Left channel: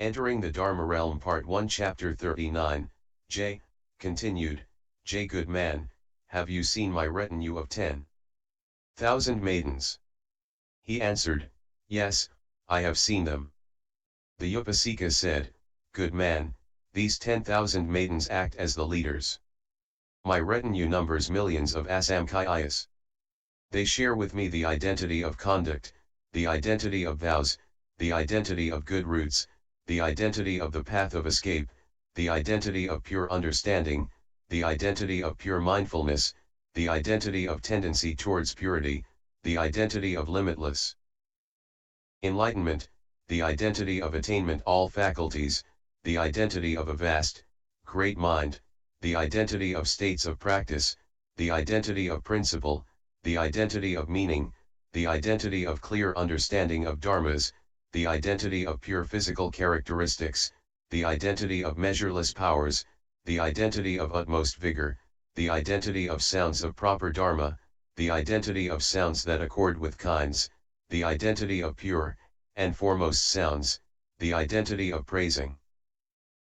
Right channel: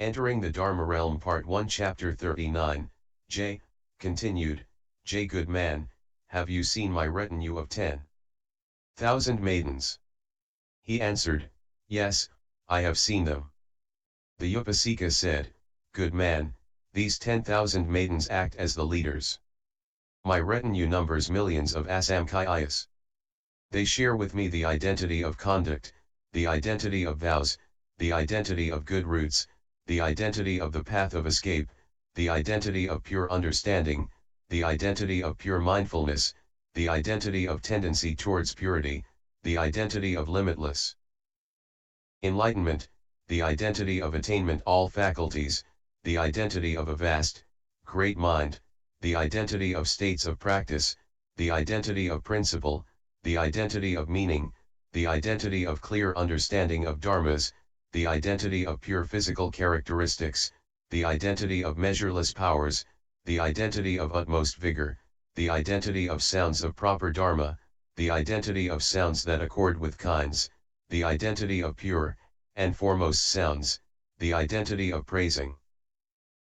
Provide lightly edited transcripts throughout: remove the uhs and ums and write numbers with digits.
Entering the Dharma Realm Part 1 Chapter 39, J. Continued, J. Good man, have you seen my retinue of 10,000 maidens? He answered, Yes, I have seen them. The Upasika said, Good man, these 10,000 maidens act as the leaders. My retinue numbers millions of asamkhayas. They share with me the identity of conduct, the identity of vows, the identity of good roots, the identity of the path of escape, the identity of pure understanding, the identity of pure mindfulness, the identity of tendency towards purity, the identity of limitless enlightenment, the identity of attainment all faculties, the identity of a vast, great mind, the identity of states of practice, the identity of principle, the identity of meaning, the identity of clear understanding of dharmas, the identity of pure physical characteristics, the identity of measureless powers, the identity of utmost vigor, the identity of sounds of proper dharma, the identity of sounds that accord with kinds, the identity of pure, and foremost sounds, the identity of praising.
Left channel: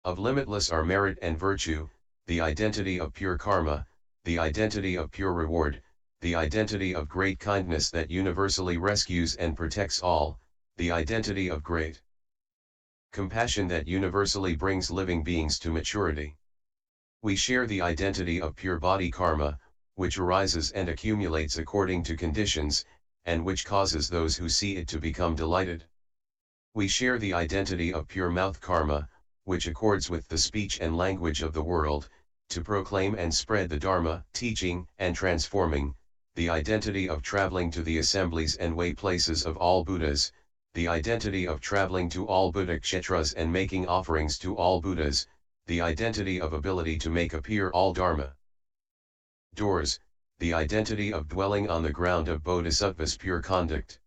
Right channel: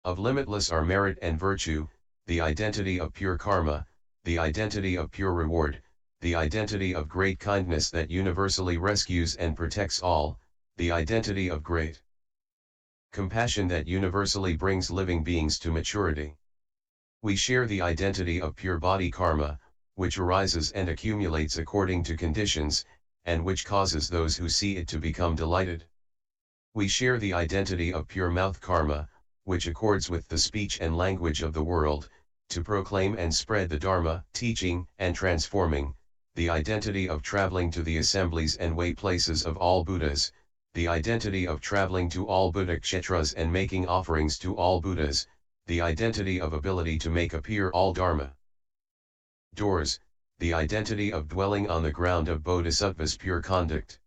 Of limitless are merit and virtue, the identity of pure karma, the identity of pure reward, the identity of great kindness that universally rescues and protects all, the identity of great compassion that universally brings living beings to maturity. We share the identity of pure body karma, which arises and accumulates according to conditions, and which causes those who see it to become delighted. We share the identity of pure mouth karma, which accords with the speech and language of the world, to proclaim and spread the Dharma, teaching and transforming, the identity of traveling to the assemblies and way places of all Buddhas, the identity of traveling to all Buddha kshetras and making offerings to all Buddhas, the identity of ability to make appear all Dharma doors, the identity of dwelling on the ground of Bodhisattva's pure conduct.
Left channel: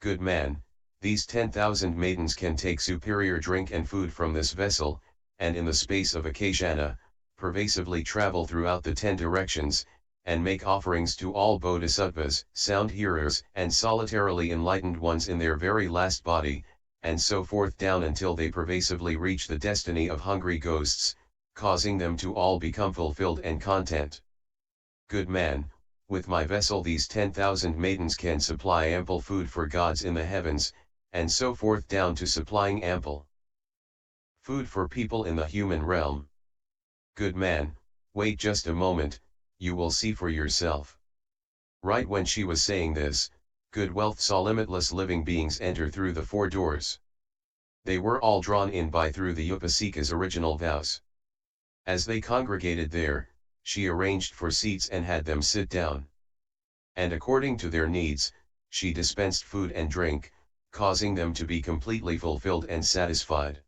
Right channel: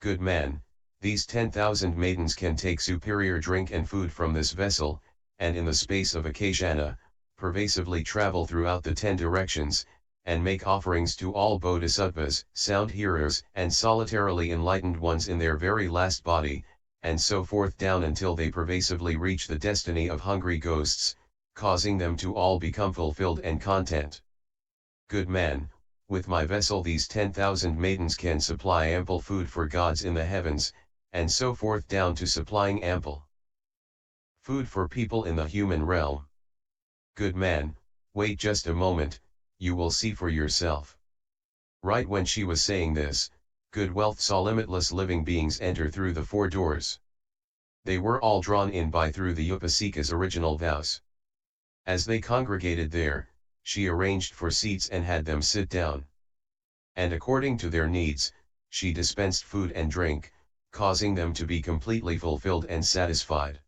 Good man, these 10,000 maidens can take superior drink and food from this vessel, and in the space of a kshana, pervasively travel throughout the 10 directions, and make offerings to all bodhisattvas, sound hearers, and solitarily enlightened ones in their very last body, and so forth down until they pervasively reach the destiny of hungry ghosts, causing them to all become fulfilled and content. Good man, with my vessel these 10,000 maidens can supply ample food for gods in the heavens, and so forth down to supplying ample food for people in the human realm. Good man, wait just a moment, you will see for yourself. Right when she was saying this, Good Wealth saw limitless living beings enter through the 4 doors. They were all drawn in by through the Upasika's original vows. As they congregated there, she arranged for seats and had them sit down. And according to their needs, she dispensed food and drink, causing them to be completely fulfilled and satisfied.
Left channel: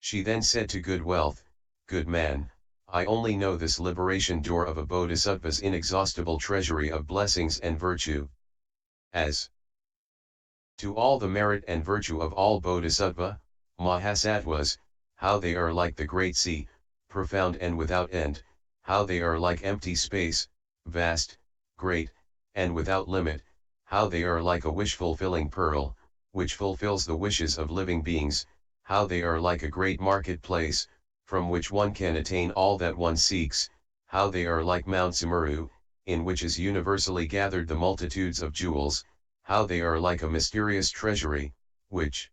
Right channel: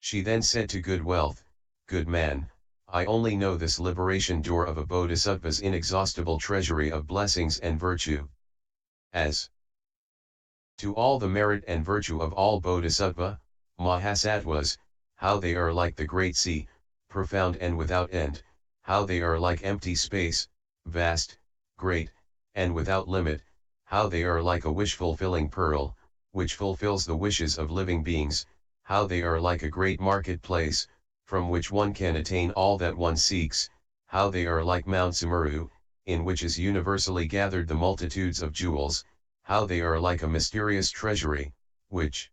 She then said to Good Wealth, Good man, I only know this liberation door of a bodhisattva's inexhaustible treasury of blessings and virtue. As to all the merit and virtue of all bodhisattva, mahasattvas, how they are like the great sea, profound and without end, how they are like empty space, vast, great, and without limit, how they are like a wish-fulfilling pearl, which fulfills the wishes of living beings, how they are like a great marketplace, from which one can attain all that one seeks, how they are like Mount Sumeru, in which is universally gathered the multitudes of jewels, how they are like a mysterious treasury, which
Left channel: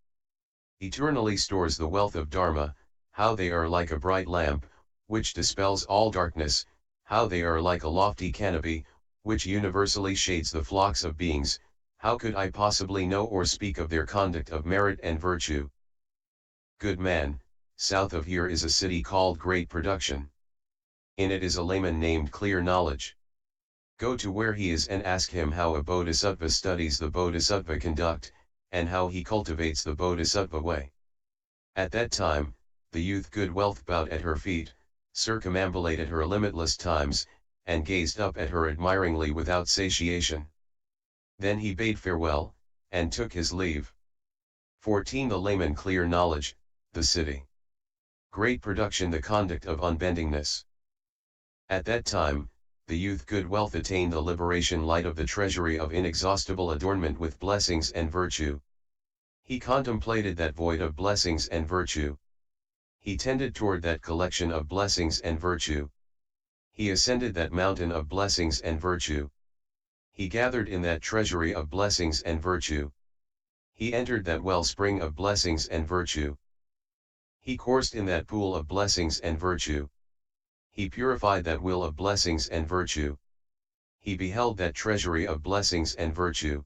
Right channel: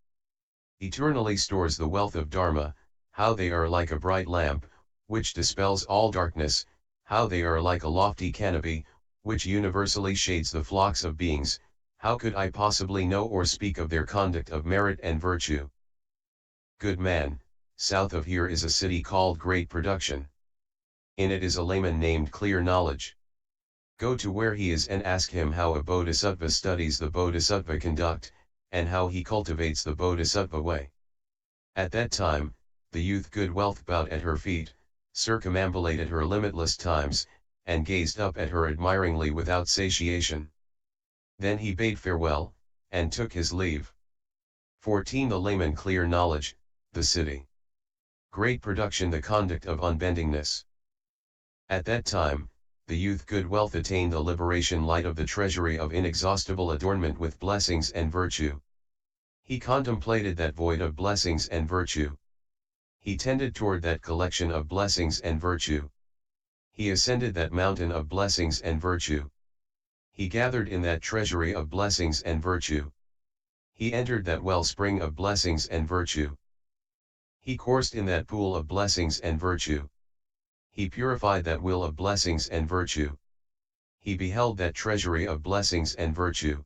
eternally stores the wealth of Dharma, how they are like a bright lamp, which dispels all darkness, how they are like a lofty canopy, which universally shades the flocks of beings. How could I possibly know or speak of their conduct of merit and virtue? Good man, south of here is a city called Great Production. In it is a layman named Clear Knowledge. Go to where he is and ask him how a bodhisattva studies the bodhisattva conduct, and how he cultivates the bodhisattva way. At that time, the youth Good Wealth bowed at her feet, circumambulated her limitless times, and gazed up at her admiringly without satiation. Then he bade farewell, and took his leave. 14. The layman Clear Knowledge, the city. Great Production, the conduct of unbendingness. At that time, the youth Good Wealth attained the liberation light of the treasury of inexhaustible adornment with blessings and virtue. He contemplated that void of blessings and virtue. He tended toward that collection of blessings and virtue. He ascended that mountain of blessings and virtue. He gathered in that treasury of blessings and virtue. He entered that wellspring of blessings and virtue. He coursed in that pool of blessings and virtue. He purified that will of blessings and virtue. He beheld that treasury of blessings and virtue.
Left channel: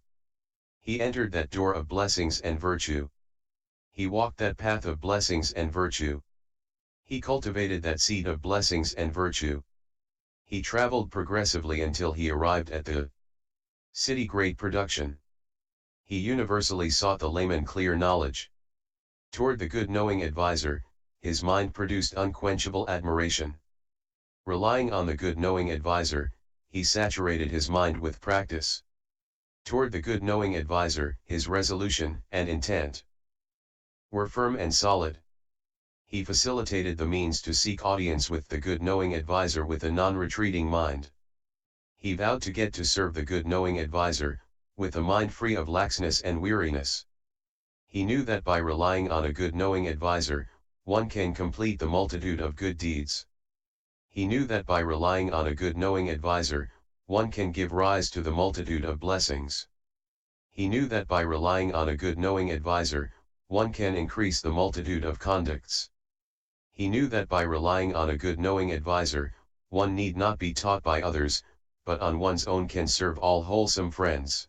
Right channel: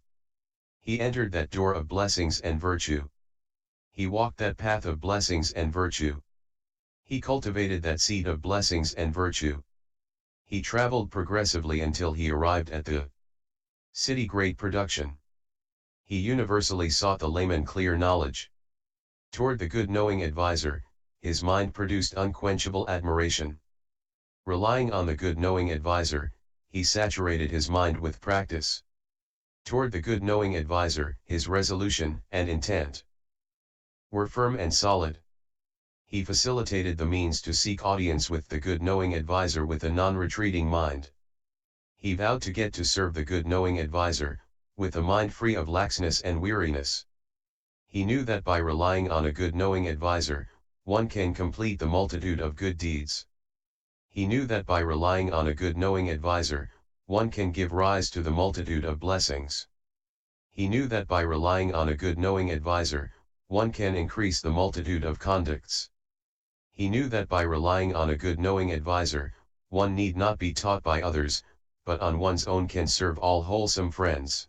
He entered that door of blessings and virtue. He walked that path of blessings and virtue. He cultivated that seed of blessings and virtue. He traveled progressively until he arrived at the city great production. He universally sought the layman clear knowledge. Toward the good knowing advisor, his mind produced unquenchable admiration. Relying on the good knowing advisor, he saturated his mind with practice. Toward the good knowing advisor, his resolution and intent were firm and solid. He facilitated the means to seek audience with the good knowing advisor with a non-retreating mind. He vowed to get to serve the good knowing advisor, with a mind free of laxness and weariness. He knew that by relying on a good knowing advisor, one can complete the multitude of good deeds. He knew that by relying on a good knowing advisor, one can give rise to the multitude of blessings. He knew that by relying on a good knowing advisor, one can increase the multitude of conducts. He knew that by relying on a good knowing advisor, one need not be taught by others, but on one's own can serve all wholesome friends.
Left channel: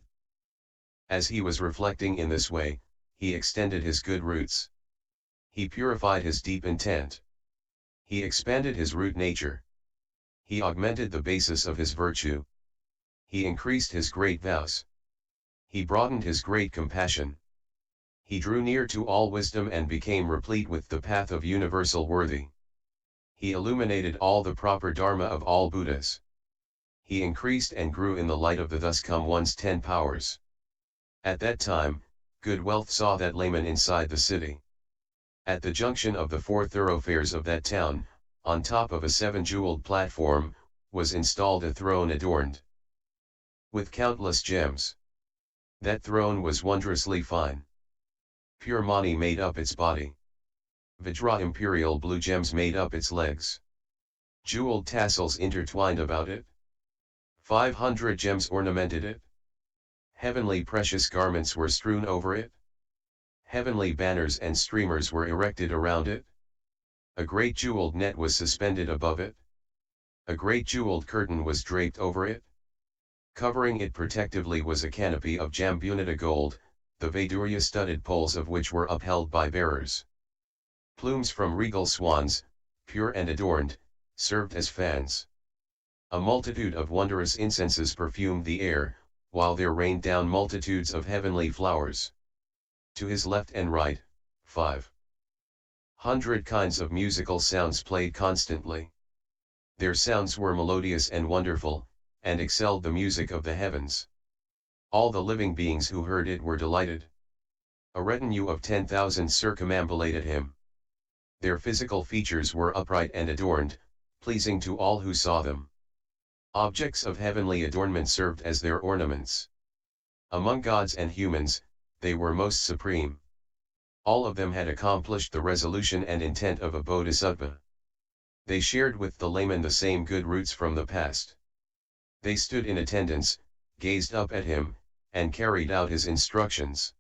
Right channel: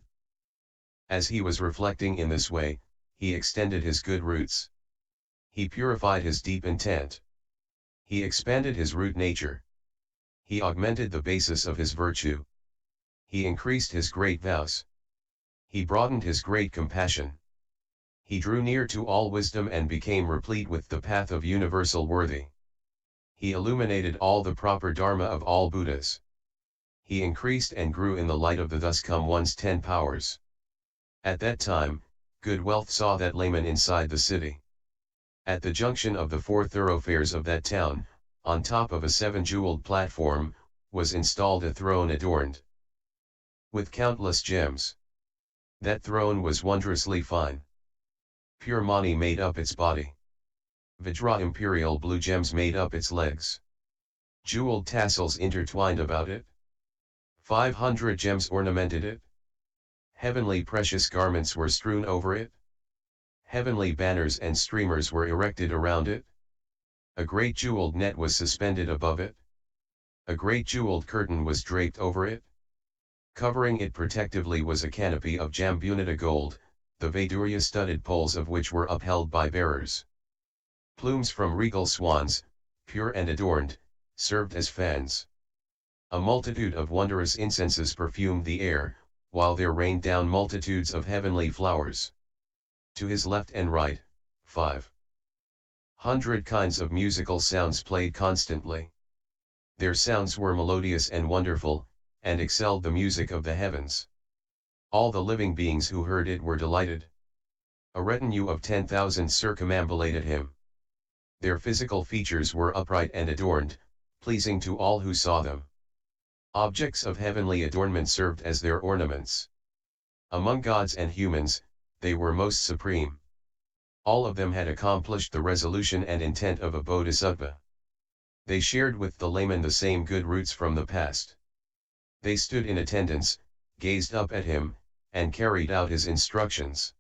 As he was reflecting in this way, he extended his good roots. He purified his deep intent. He expanded his root nature. He augmented the basis of his virtue. He increased his great vows. He broadened his great compassion. He drew near to all wisdom and became replete with the path of universal worthy. He illuminated all the proper Dharma of all Buddhas. He increased and grew in the light of the thus come one's 10 powers. At that time, good wealth saw that layman inside the city. At the junction of the 4 thoroughfares of that town, on top of a 7-jeweled platform, was installed a throne adorned with countless gems. That throne was wondrously fine. Pure mani made up its body. Vajra imperial blue gems made up its legs. Jeweled tassels intertwined about it. 500 gems ornamented it. Heavenly precious garments were strewn over it. Heavenly banners and streamers were erected around it. A great jeweled net was suspended above it. A great jeweled curtain was draped over it. Covering it protectively was a canopy of jambunita gold, the Vaidurya studded poles of which were upheld by bearers. Plumes from regal swans, pure and adorned, served as fans. A multitude of wondrous incenses perfumed the air, while there rained down multitudes of heavenly flowers. To his left and right, 500 kinds of musical sounds played constantly. Their sounds were melodious and wonderful, and excelled the music of the heavens. All the living beings who heard it were delighted. A retinue of 10,000 circumambulated him. Their physical features were upright and adorned, pleasing to all who saw them. Objects of heavenly adornment served as their ornaments. Among gods and humans, they were most supreme. All of them had accomplished the resolution and intent of a bodhisattva. They shared with the layman the same good roots from the past. They stood in attendance, gazed up at him, and carried out his instructions.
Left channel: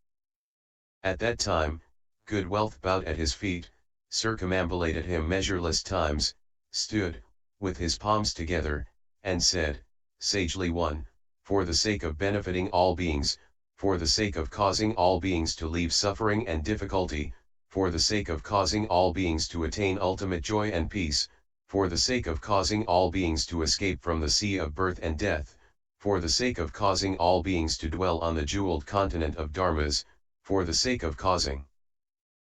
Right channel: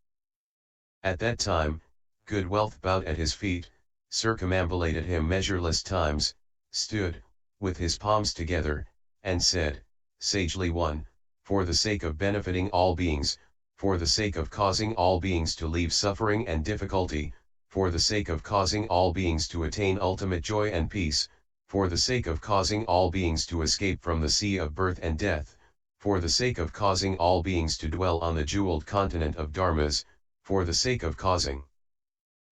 At that time, good wealth bowed at his feet, circumambulated him measureless times, stood, with his palms together, and said, sagely 1, for the sake of benefiting all beings, for the sake of causing all beings to leave suffering and difficulty, for the sake of causing all beings to attain ultimate joy and peace, for the sake of causing all beings to escape from the sea of birth and death, for the sake of causing all beings to dwell on the jeweled continent of dharmas, for the sake of causing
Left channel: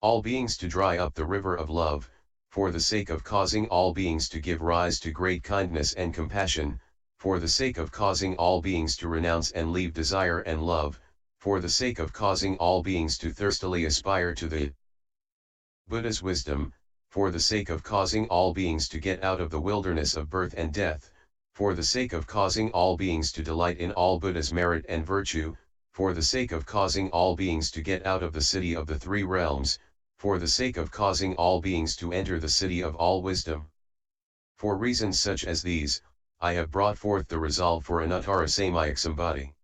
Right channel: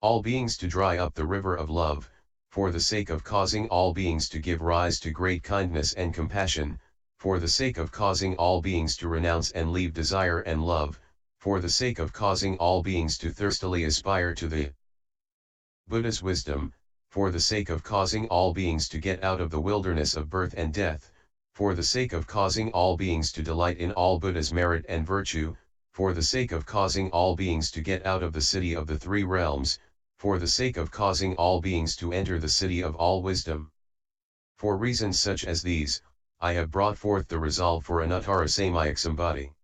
all beings to dry up the river of love, for the sake of causing all beings to give rise to great kindness and compassion, for the sake of causing all beings to renounce and leave desire and love, for the sake of causing all beings to thirstily aspire to the Buddha's wisdom, for the sake of causing all beings to get out of the wilderness of birth and death, for the sake of causing all beings to delight in all Buddha's merit and virtue, for the sake of causing all beings to get out of the city of the three realms, for the sake of causing all beings to enter the city of all wisdom. For reasons such as these, I have brought forth the resolve for Anuttara-Samkhya-Sambhati.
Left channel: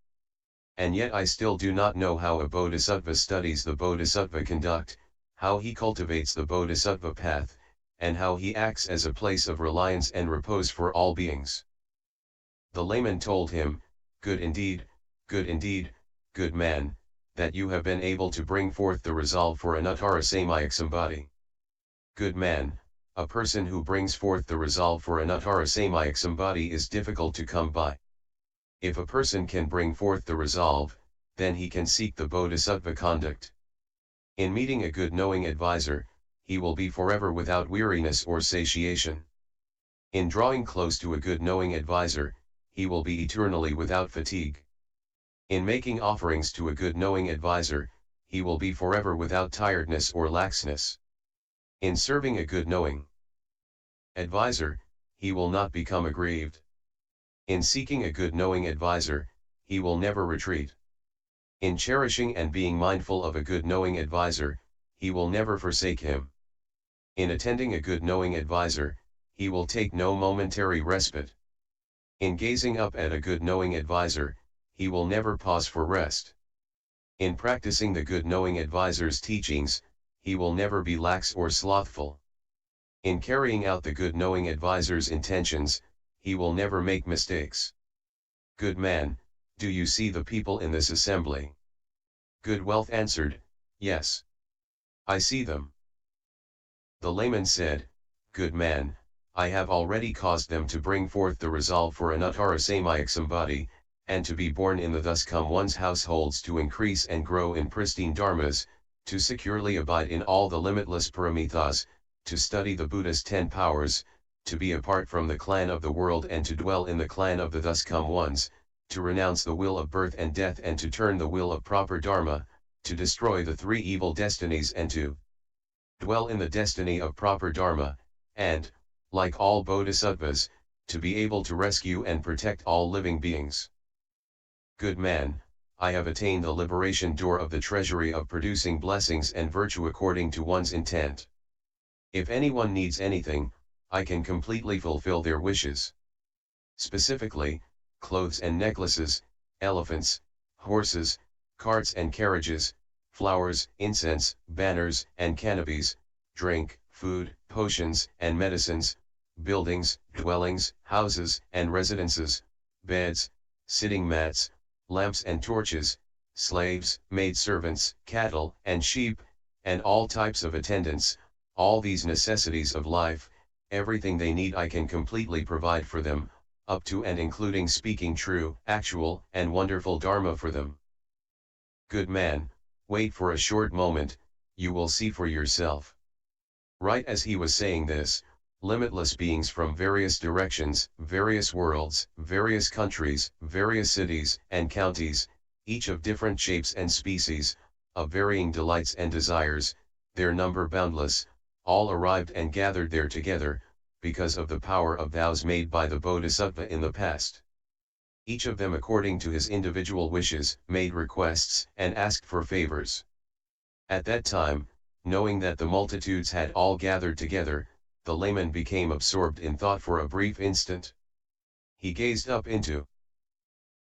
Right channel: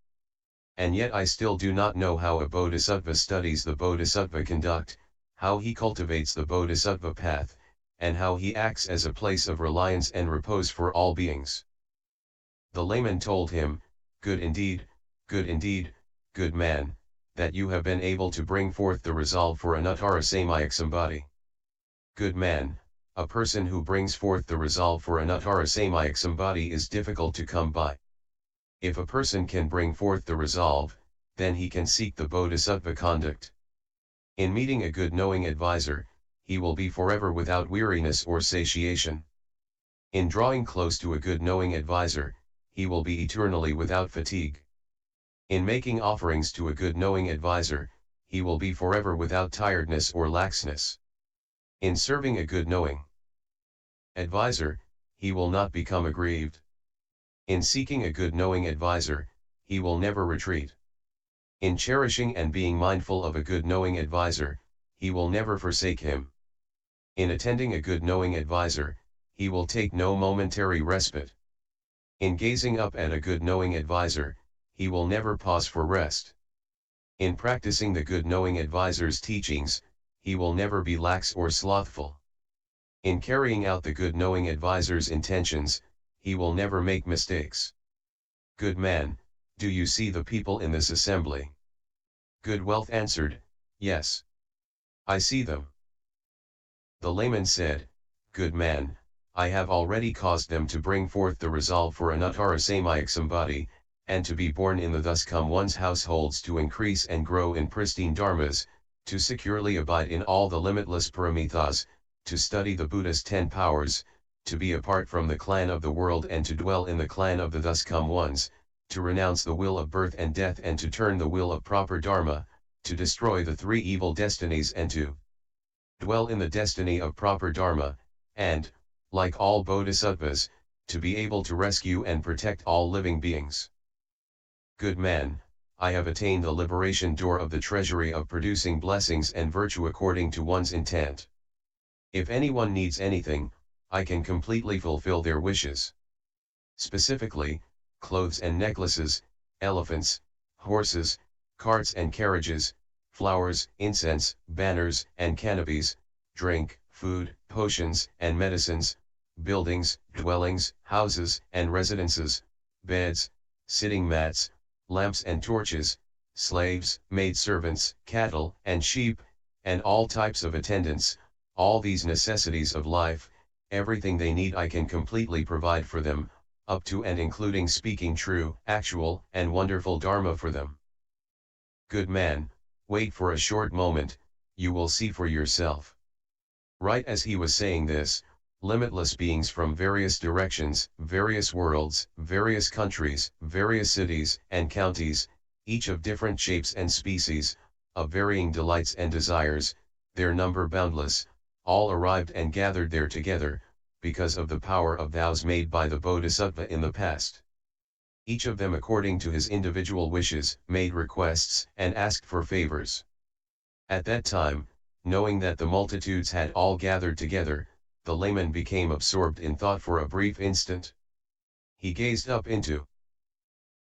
And yet I still do not know how a bodhisattva studies the bodhisattva conduct, how he cultivates the bodhisattva path, and how he acts as a place of reliance and repose for all beings. The layman told him, good indeed, good man, that you have been able to bring forth the resolve for Anuttara-Samkhya-Sambhati. Good man, a person who brings forth the resolve for Anuttara-Samkhya-Sambhati is difficult to come by. If a person can bring forth the resolve, then he can seek the bodhisattva conduct. In meeting a good knowing advisor, he will be forever without weariness or satiation. In drawing close to a good knowing advisor, he will be eternally without fatigue. In making offerings to a good knowing advisor, he will be forever without tiredness or laxness. In serving a good knowing advisor, he will not become aggrieved. In seeking a good knowing advisor, he will never retreat. In cherishing and being mindful of a good knowing advisor, he will never forsake him. In attending a good knowing advisor, he will take no momentary respite. In gazing up at a good knowing advisor, he will never pause for rest. In practicing the good knowing advisor's teachings, he will never be lax or slothful. In carrying out the good knowing advisor's intentions, he will never make mistakes. Good man, do you see the people in this assembly? Good Wealth answered, yes. I see them. The layman said, good man, I have already caused them to bring forth the resolve for Anuttara-Samkhya-Sambhati, and to be born in the thus come one's households to increase and grow in pristine dharmas, to securely abide in all the limitless paramithas, to study the Buddha's 10 powers, to be apart from the clan of the world and to dwell in the clan of the thus come ones, to renounce the will of birth and death and to turn the will of proper Dharma, to destroy the 3 evil destinies and to dwell in the destiny of proper Dharma, and, like all bodhisattvas, to be able to rescue and protect all living beings. Good man, I have attained the liberation door of the treasury of producing blessings and virtue according to one's intent. If anyone needs anything, I can completely fulfill their wishes. Specifically, clothes and necklaces, elephants, horses, carts and carriages, flowers, incense, banners and canopies, drink, food, potions and medicines, buildings, dwellings, houses and residences, beds, sitting mats, lamps and torches, slaves, maidservants, cattle and sheep, and all types of attendants, all these necessities of life, everything they need I can completely provide for them, up to and including speaking true, actual, and wonderful Dharma for them. Good man, wait for a short moment, you will see for yourself. Right as he was saying this, limitless beings from various directions, various worlds, various countries, various cities and counties, each of different shapes and species, of varying delights and desires, their number boundless, all arrived and gathered there together, because of the power of vows made by the Bodhisattva in the past. Each of them according to his individual wishes, made requests and asked for favors. At that time, knowing that the multitudes had all gathered together, the layman became absorbed in thought for a brief instant. He gazed up into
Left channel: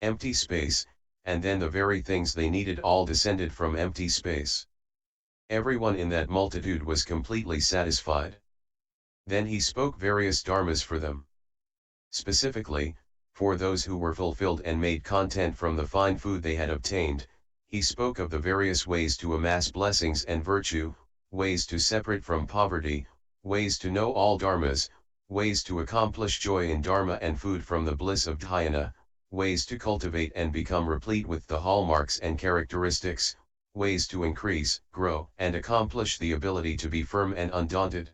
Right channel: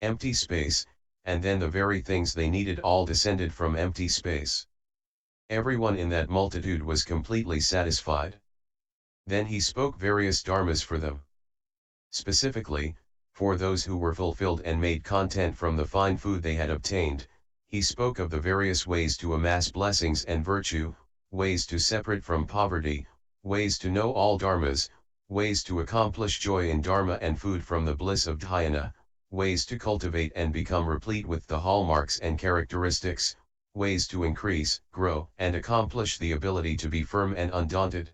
empty space, and then the very things they needed all descended from empty space. Everyone in that multitude was completely satisfied. Then he spoke various dharmas for them. Specifically, for those who were fulfilled and made content from the fine food they had obtained, he spoke of the various ways to amass blessings and virtue, ways to separate from poverty, ways to know all dharmas, ways to accomplish joy in dharma and food from the bliss of dhyana, ways to cultivate and become replete with the hallmarks and characteristics, ways to increase, grow, and accomplish the ability to be firm and undaunted,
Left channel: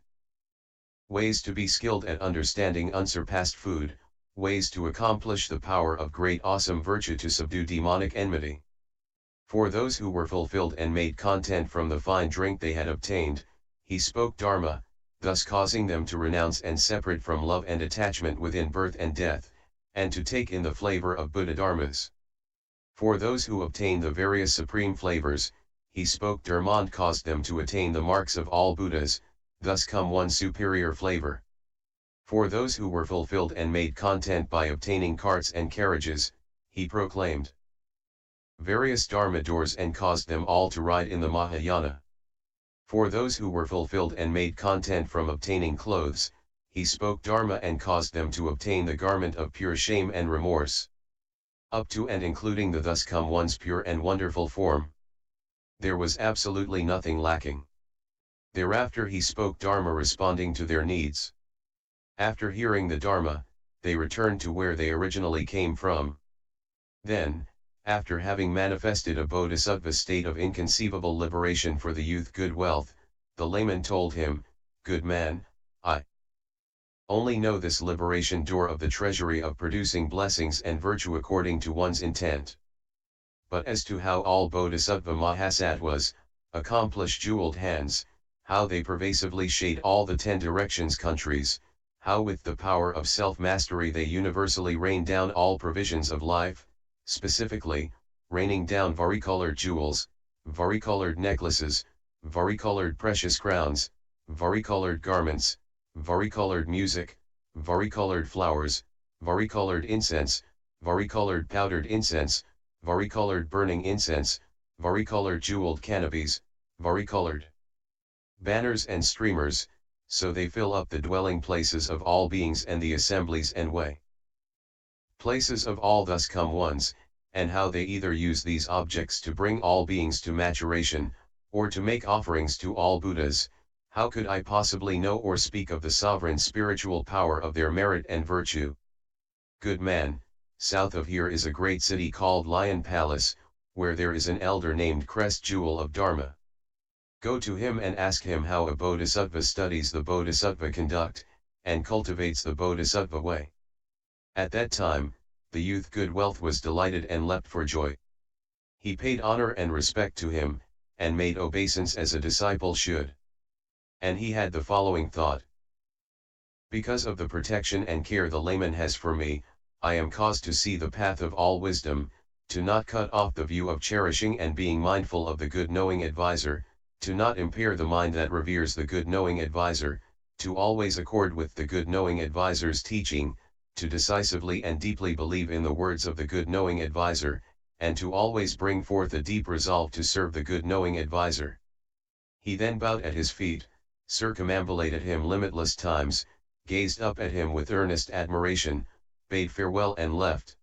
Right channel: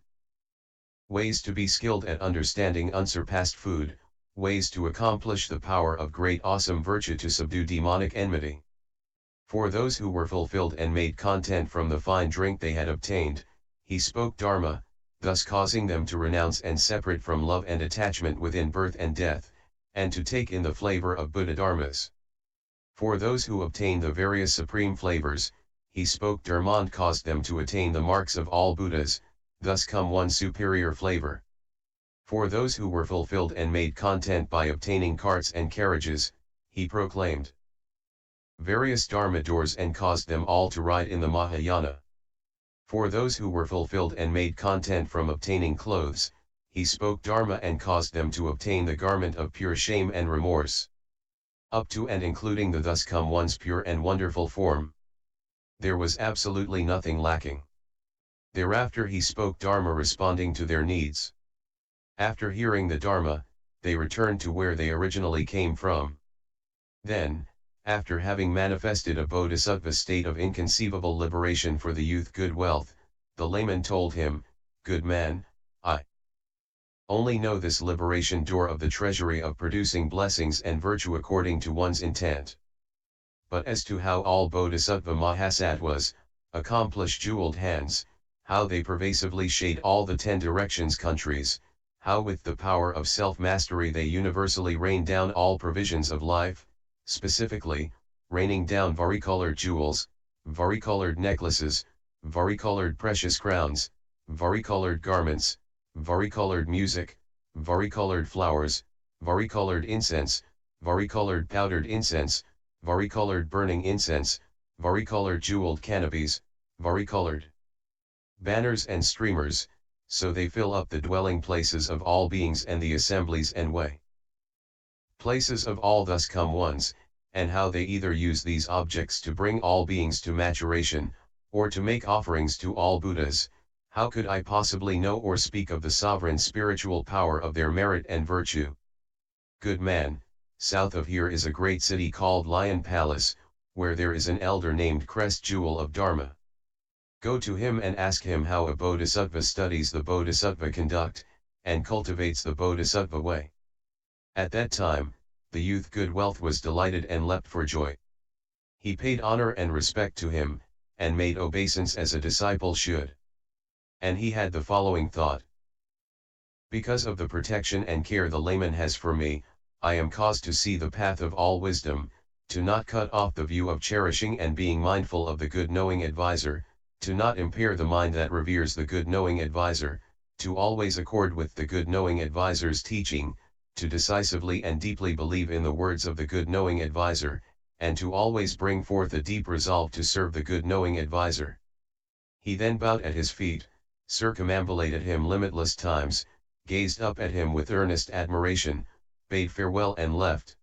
ways to be skilled at understanding unsurpassed food, ways to accomplish the power of great awesome virtue to subdue demonic enmity. For those who were fulfilled and made content from the fine drink they had obtained, he spoke Dharma, thus causing them to renounce and separate from love and attachment within birth and death, and to take in the flavor of Buddha Dharmas. For those who obtained the various supreme flavors, he spoke Dharma and caused them to attain the marks of all Buddhas, thus come one superior flavor. For those who were fulfilled and made content by obtaining carts and carriages, he proclaimed various Dharma doors and caused them all to ride in the Mahayana. For those who were fulfilled and made content from obtaining clothes, he spoke Dharma and caused them to obtain the garment of pure shame and remorse. Up to and including the thus come one's pure and wonderful form. There was absolutely nothing lacking. Thereafter he spoke Dharma responding to their needs. After hearing the Dharma, they returned to where they originally came from. Then, after having manifested a bodhisattva state of inconceivable liberation for the youth good wealth, the layman told him, "Good man, I only know this liberation door of the treasury of producing blessings and virtue according to one's intent. But as to how all bodhisattva mahasattvas accomplish jeweled hands, how they pervasively shade all the 10 directions countries, how with the power of self-mastery they universally rain down all provisions of life, specifically, raining down varicolored jewels, varicolored necklaces, varicolored precious crowns, varicolored garments, varicolored music, varicolored flowers, varicolored incense, varicolored powdered incense, varicolored burning incense, varicolored jeweled canopies, varicolored banners and streamers, so they fill up the dwelling places of all beings and the assemblies and way places of all thus come ones, and how they either use these objects to bring all beings to maturation, or to make offerings to all Buddhas. How could I possibly know or speak of the sovereign spiritual power of their merit and virtue? Good man, south of here is a great city called Lion Palace, where there is an elder named Crest Jewel of Dharma. Go to him and ask him how a bodhisattva studies the bodhisattva conduct, and cultivates the bodhisattva way." At that time, the youth good wealth was delighted and leapt for joy. He paid honor and respect to him, and made obeisance as a disciple should. And he had the following thought: because of the protection and care the layman has for me, I am caused to see the path of all wisdom, to not cut off the view of cherishing and being mindful of the good knowing advisor, to not impair the mind that reveres the good knowing advisor, to always accord with the good knowing advisor's teaching, to decisively and deeply believe in the words of the good knowing advisor, and to always bring forth a deep resolve to serve the good knowing advisor. He then bowed at his feet, circumambulated him limitless times, gazed up at him with earnest admiration, bade farewell and left.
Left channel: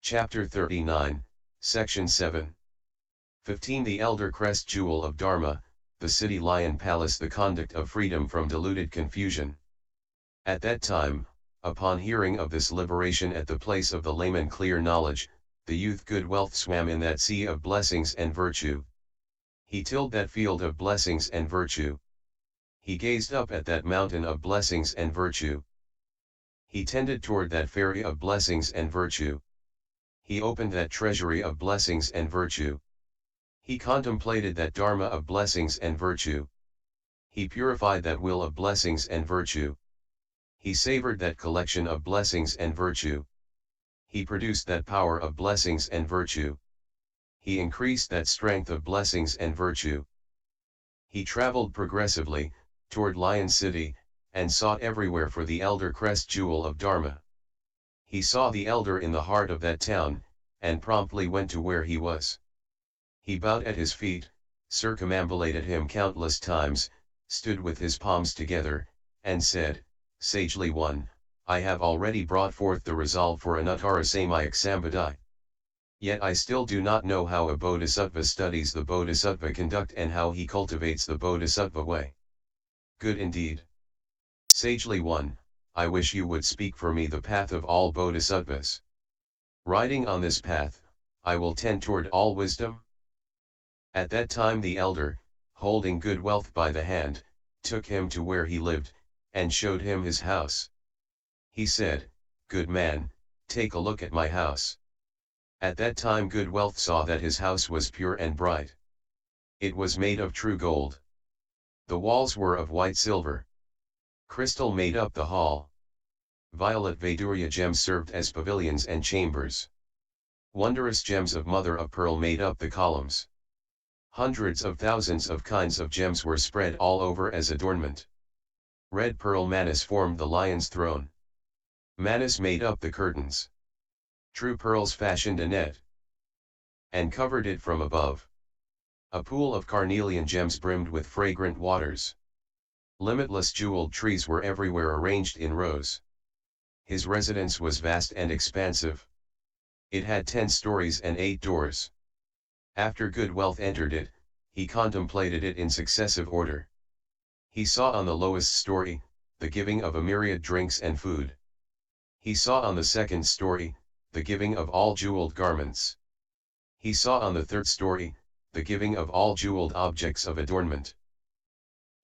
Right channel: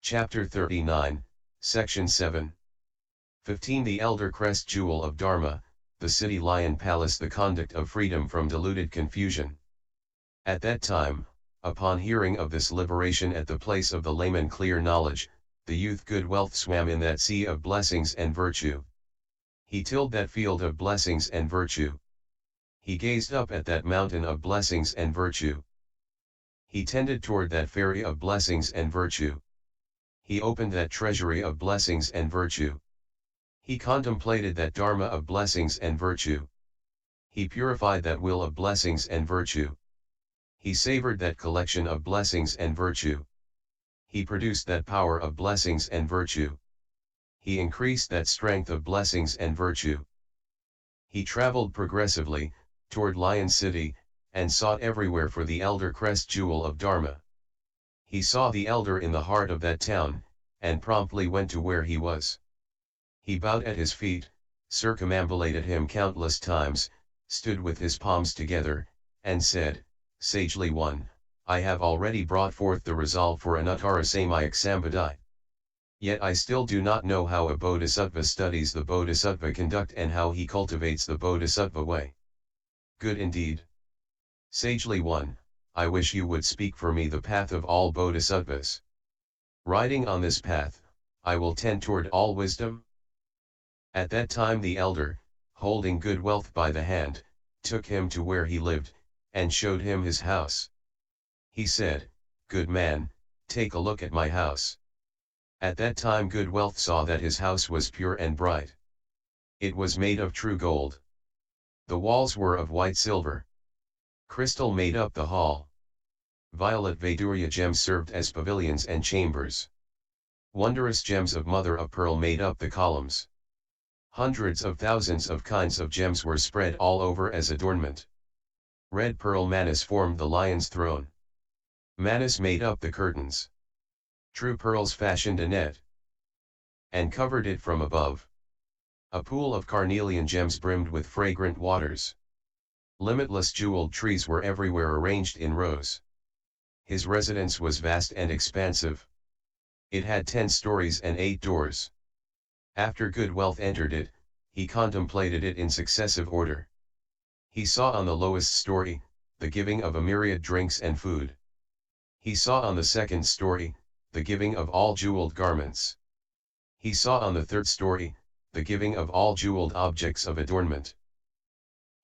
Chapter 39, Section 7. 15. The Elder Crest Jewel of Dharma, the City Lion Palace, the conduct of freedom from deluded confusion. At that time, upon hearing of this liberation at the place of the layman clear knowledge, the youth good wealth swam in that sea of blessings and virtue. He tilled that field of blessings and virtue. He gazed up at that mountain of blessings and virtue. He tended toward that ferry of blessings and virtue. He opened that treasury of blessings and virtue. He contemplated that Dharma of blessings and virtue. He purified that will of blessings and virtue. He savored that collection of blessings and virtue. He produced that power of blessings and virtue. He increased that strength of blessings and virtue. He traveled progressively, toward Lion City, and sought everywhere for the Elder Crest Jewel of Dharma. He saw the elder in the heart of that town, and promptly went to where he was. He bowed at his feet, circumambulated him countless times, stood with his palms together, and said, "Sagely one, I have already brought forth the resolve for Anuttara Samyak Sambadhi. Yet I still do not know how a bodhisattva studies the bodhisattva conduct and how he cultivates the bodhisattva way." Good indeed. Sagely one, I wish you would speak for me the path of all bodhisattvas. Riding on this path, I will tend toward all wisdom. At that time the elder, holding good wealth by the hand, took him to where he lived, and showed him his house. He said, "Good man, take a look at my house." At that time good wealth saw that his house was pure and bright. It was made of true gold. The walls were of white silver. Crystal made up the hall. Violet Vaidurya gems served as pavilions and chambers. Wondrous gems of mother of pearl made up the columns. Hundreds of thousands of kinds of gems were spread all over as adornment. Red pearl manas formed the lion's throne. Manas made up the curtains. True pearls fashioned a net and covered it from above. A pool of carnelian gems brimmed with fragrant waters. Limitless jeweled trees were everywhere arranged in rows. His residence was vast and expansive. It had 10 stories and 8 doors. After good wealth entered it, he contemplated it in successive order. He saw on the lowest story, the giving of a myriad drinks and food. He saw on the second story, the giving of all jeweled garments. He saw on the third story, the giving of all jeweled objects of adornment.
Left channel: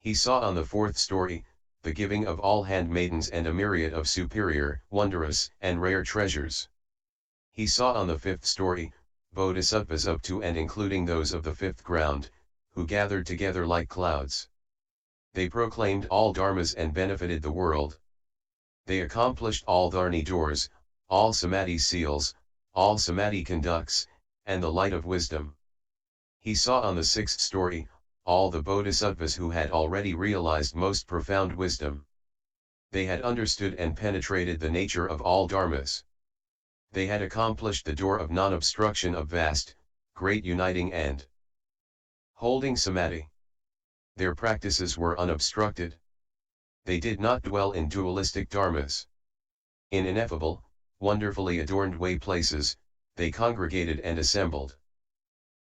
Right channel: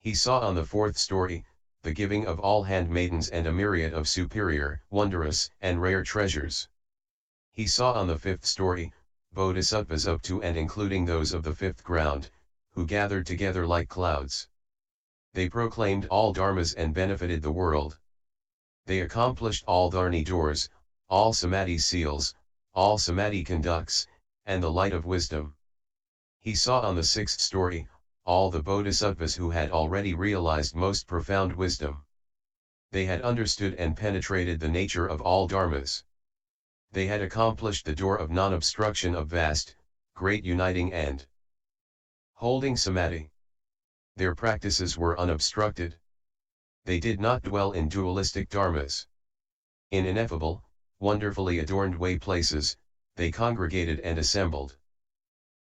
He saw on the fourth story, the giving of all handmaidens and a myriad of superior, wondrous, and rare treasures. He saw on the fifth story, bodhisattvas up to and including those of the fifth ground, who gathered together like clouds. They proclaimed all dharmas and benefited the world. They accomplished all dharni doors, all samadhi seals, all samadhi conducts, and the light of wisdom. He saw on the sixth story, all the bodhisattvas who had already realized most profound wisdom. They had understood and penetrated the nature of all dharmas. They had accomplished the door of non-obstruction of vast, great uniting and holding samadhi. Their practices were unobstructed. They did not dwell in dualistic dharmas. In ineffable, wonderfully adorned way places, they congregated and assembled.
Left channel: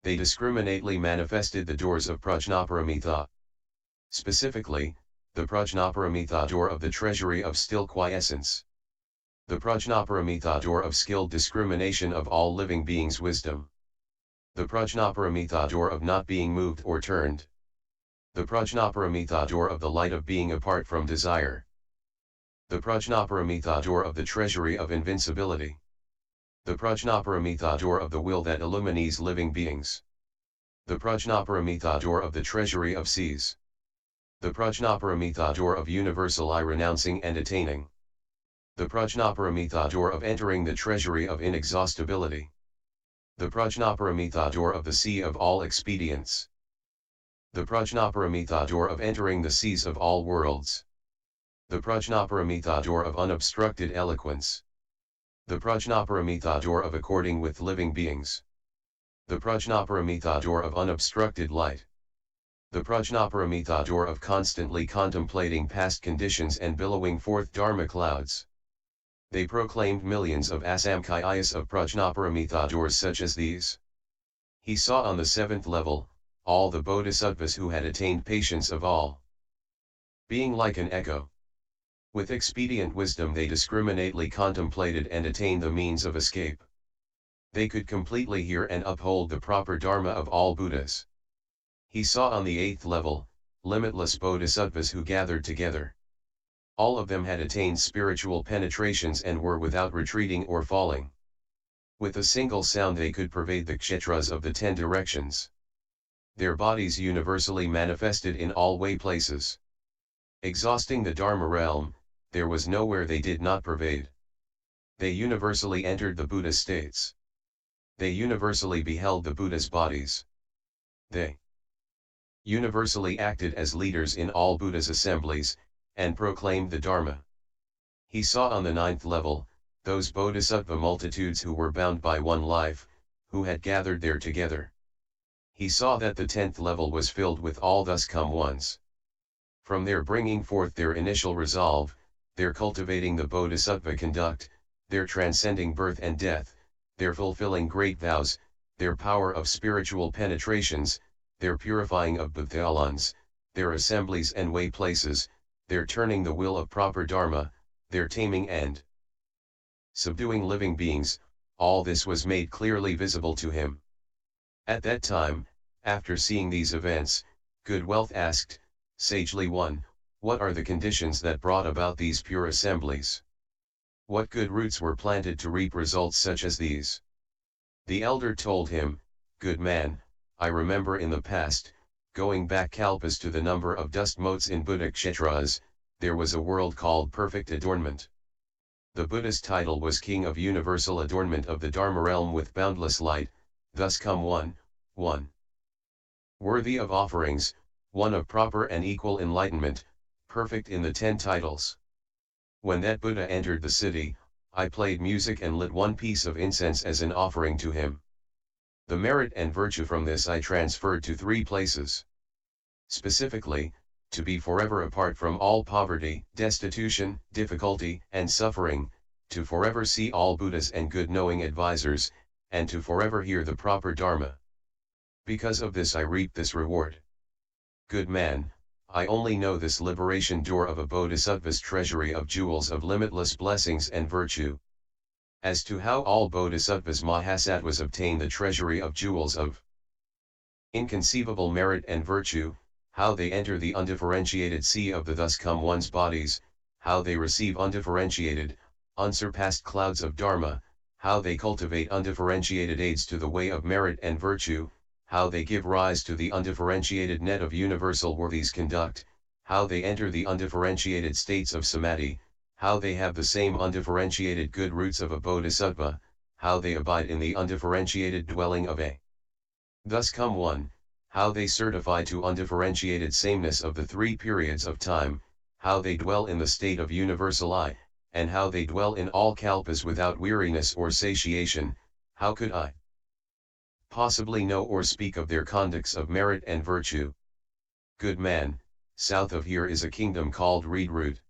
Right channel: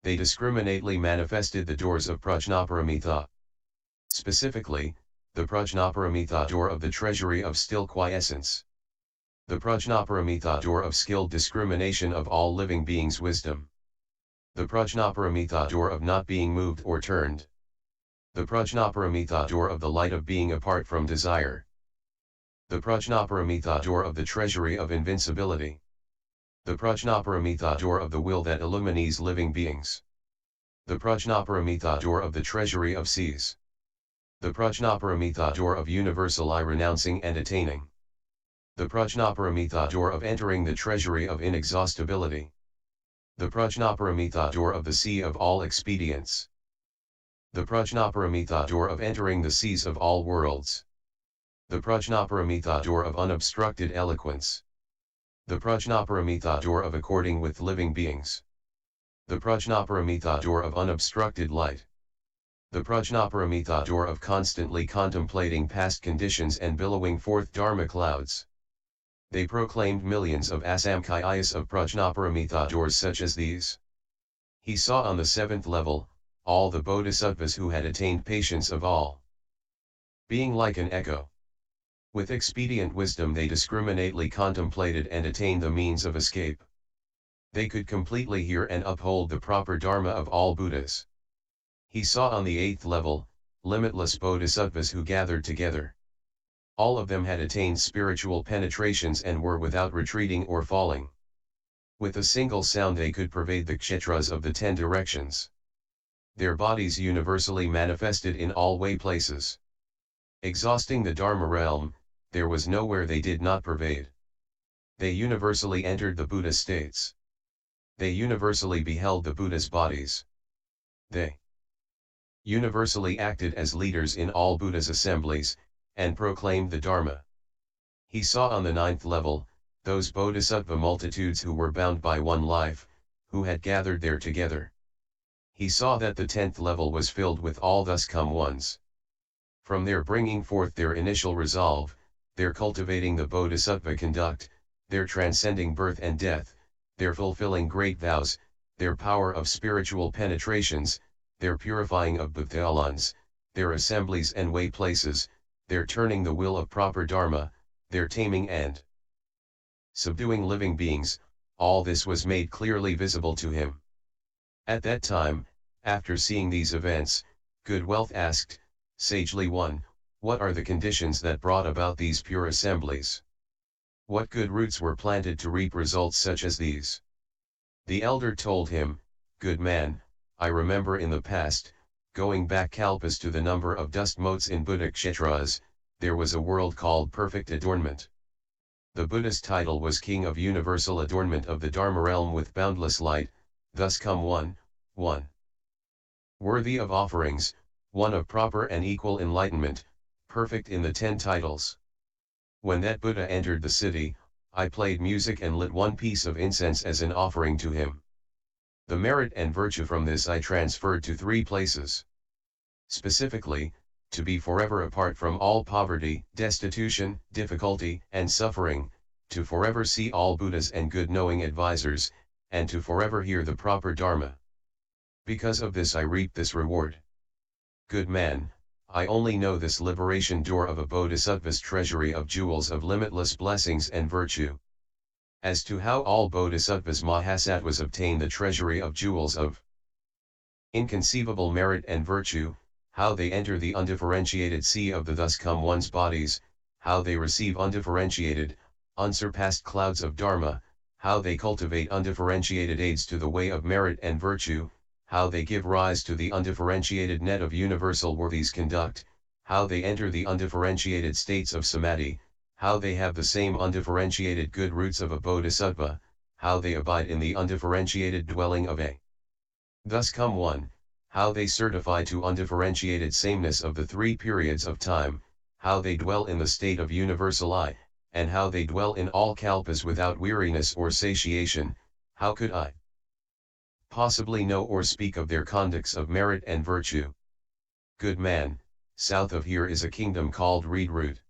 They discriminately manifested the doors of prajnaparamita. Specifically, the prajnaparamita door of the treasury of still quiescence. The prajnaparamita door of skilled discrimination of all living beings' wisdom. The prajnaparamita door of not being moved or turned. The prajnaparamita door of the light of being apart from desire. The prajnaparamita door of the treasury of invincibility. The prajnaparamita door of the will that illumines living beings. The prajnaparamita door of the treasury of seas. The prajnaparamita door of universal I renouncing and attaining. The prajnaparamita door of entering the treasury of inexhaustibility. The prajnaparamita door of the sea of all expedients. The prajnaparamita door of entering the seas of all worlds. The prajnaparamita door of unobstructed eloquence. The prajnaparamita door of according with living beings. The prajnaparamita door of unobstructed light. The prajnaparamita door of constantly contemplating past conditions and billowing forth dharma clouds. They proclaimed millions of asamkhayas of prajnaparamita doors such as these. He saw on the seventh level, all the bodhisattvas who had attained patience of all being like an echo. With expedient wisdom they discriminately contemplated and attained the means of escape. They could completely hear and uphold the proper dharma of all Buddhas. He saw on the eighth level, limitless bodhisattvas who gathered together. All of them had attained spiritual penetrations and were without retreating or falling. With a single sound they could pervade the kshetras of the 10 directions. Their bodies universally manifested in all way places. Exhausting the Dharma realm, there was nowhere they did not pervade. They universally entered the Buddha states. They universally beheld the Buddha's bodies. They universally acted as leaders in all Buddha's assemblies, and proclaimed the Dharma. He saw on the ninth level, those bodhisattva multitudes who were bound by one life, who had gathered there together. He saw that the 10th level was filled with all thus come ones. From their bringing forth their initial resolve, their cultivating the bodhisattva conduct, their transcending birth and death, their fulfilling great vows, their power of spiritual penetrations, their purifying of bhuthalans, their assemblies and way places, their turning the will of proper dharma, their taming and subduing living beings, all this was made clearly visible to him. At that time, after seeing these events, Good Wealth asked, sagely one, what are the conditions that brought about these pure assemblies? What good roots were planted to reap results such as these? The elder told him, good man, I remember in the past, going back kalpas to the number of dust motes in Buddha kshetras, there was a world called perfect adornment. The Buddha's title was King of Universal Adornment of the Dharma Realm with boundless light, thus come one, worthy of offerings, one of proper and equal enlightenment, perfect in the 10 titles. When that Buddha entered the city, I played music and lit one piece of incense as an offering to him. The merit and virtue from this I transferred to 3 places. Specifically, to be forever apart from all poverty, destitution, difficulty, and suffering, to forever see all Buddhas and good knowing advisors, and to forever hear the proper Dharma. Because of this I reap this reward. Good man, I only know this liberation door of a bodhisattva's treasury of jewels of limitless blessings and virtue. As to how all bodhisattvas mahasattvas obtain the treasury of jewels of inconceivable merit and virtue, how they enter the undifferentiated sea of the thus come one's bodies, how they receive undifferentiated, unsurpassed clouds of Dharma, how they cultivate undifferentiated aids to the way of merit and virtue, how they give rise to the undifferentiated net of universal worthies conduct, how they enter the undifferentiated states of samadhi, how they have the same undifferentiated good roots of a bodhisattva, how they abide in the undifferentiated dwelling of a thus come one, how they certify to undifferentiated sameness of the 3 periods of time, how they dwell in the state of universal I, and how they dwell in all kalpas without weariness or satiation, how could I possibly know or speak of their conducts of merit and virtue? Good man, south of here is a kingdom called Reed Root.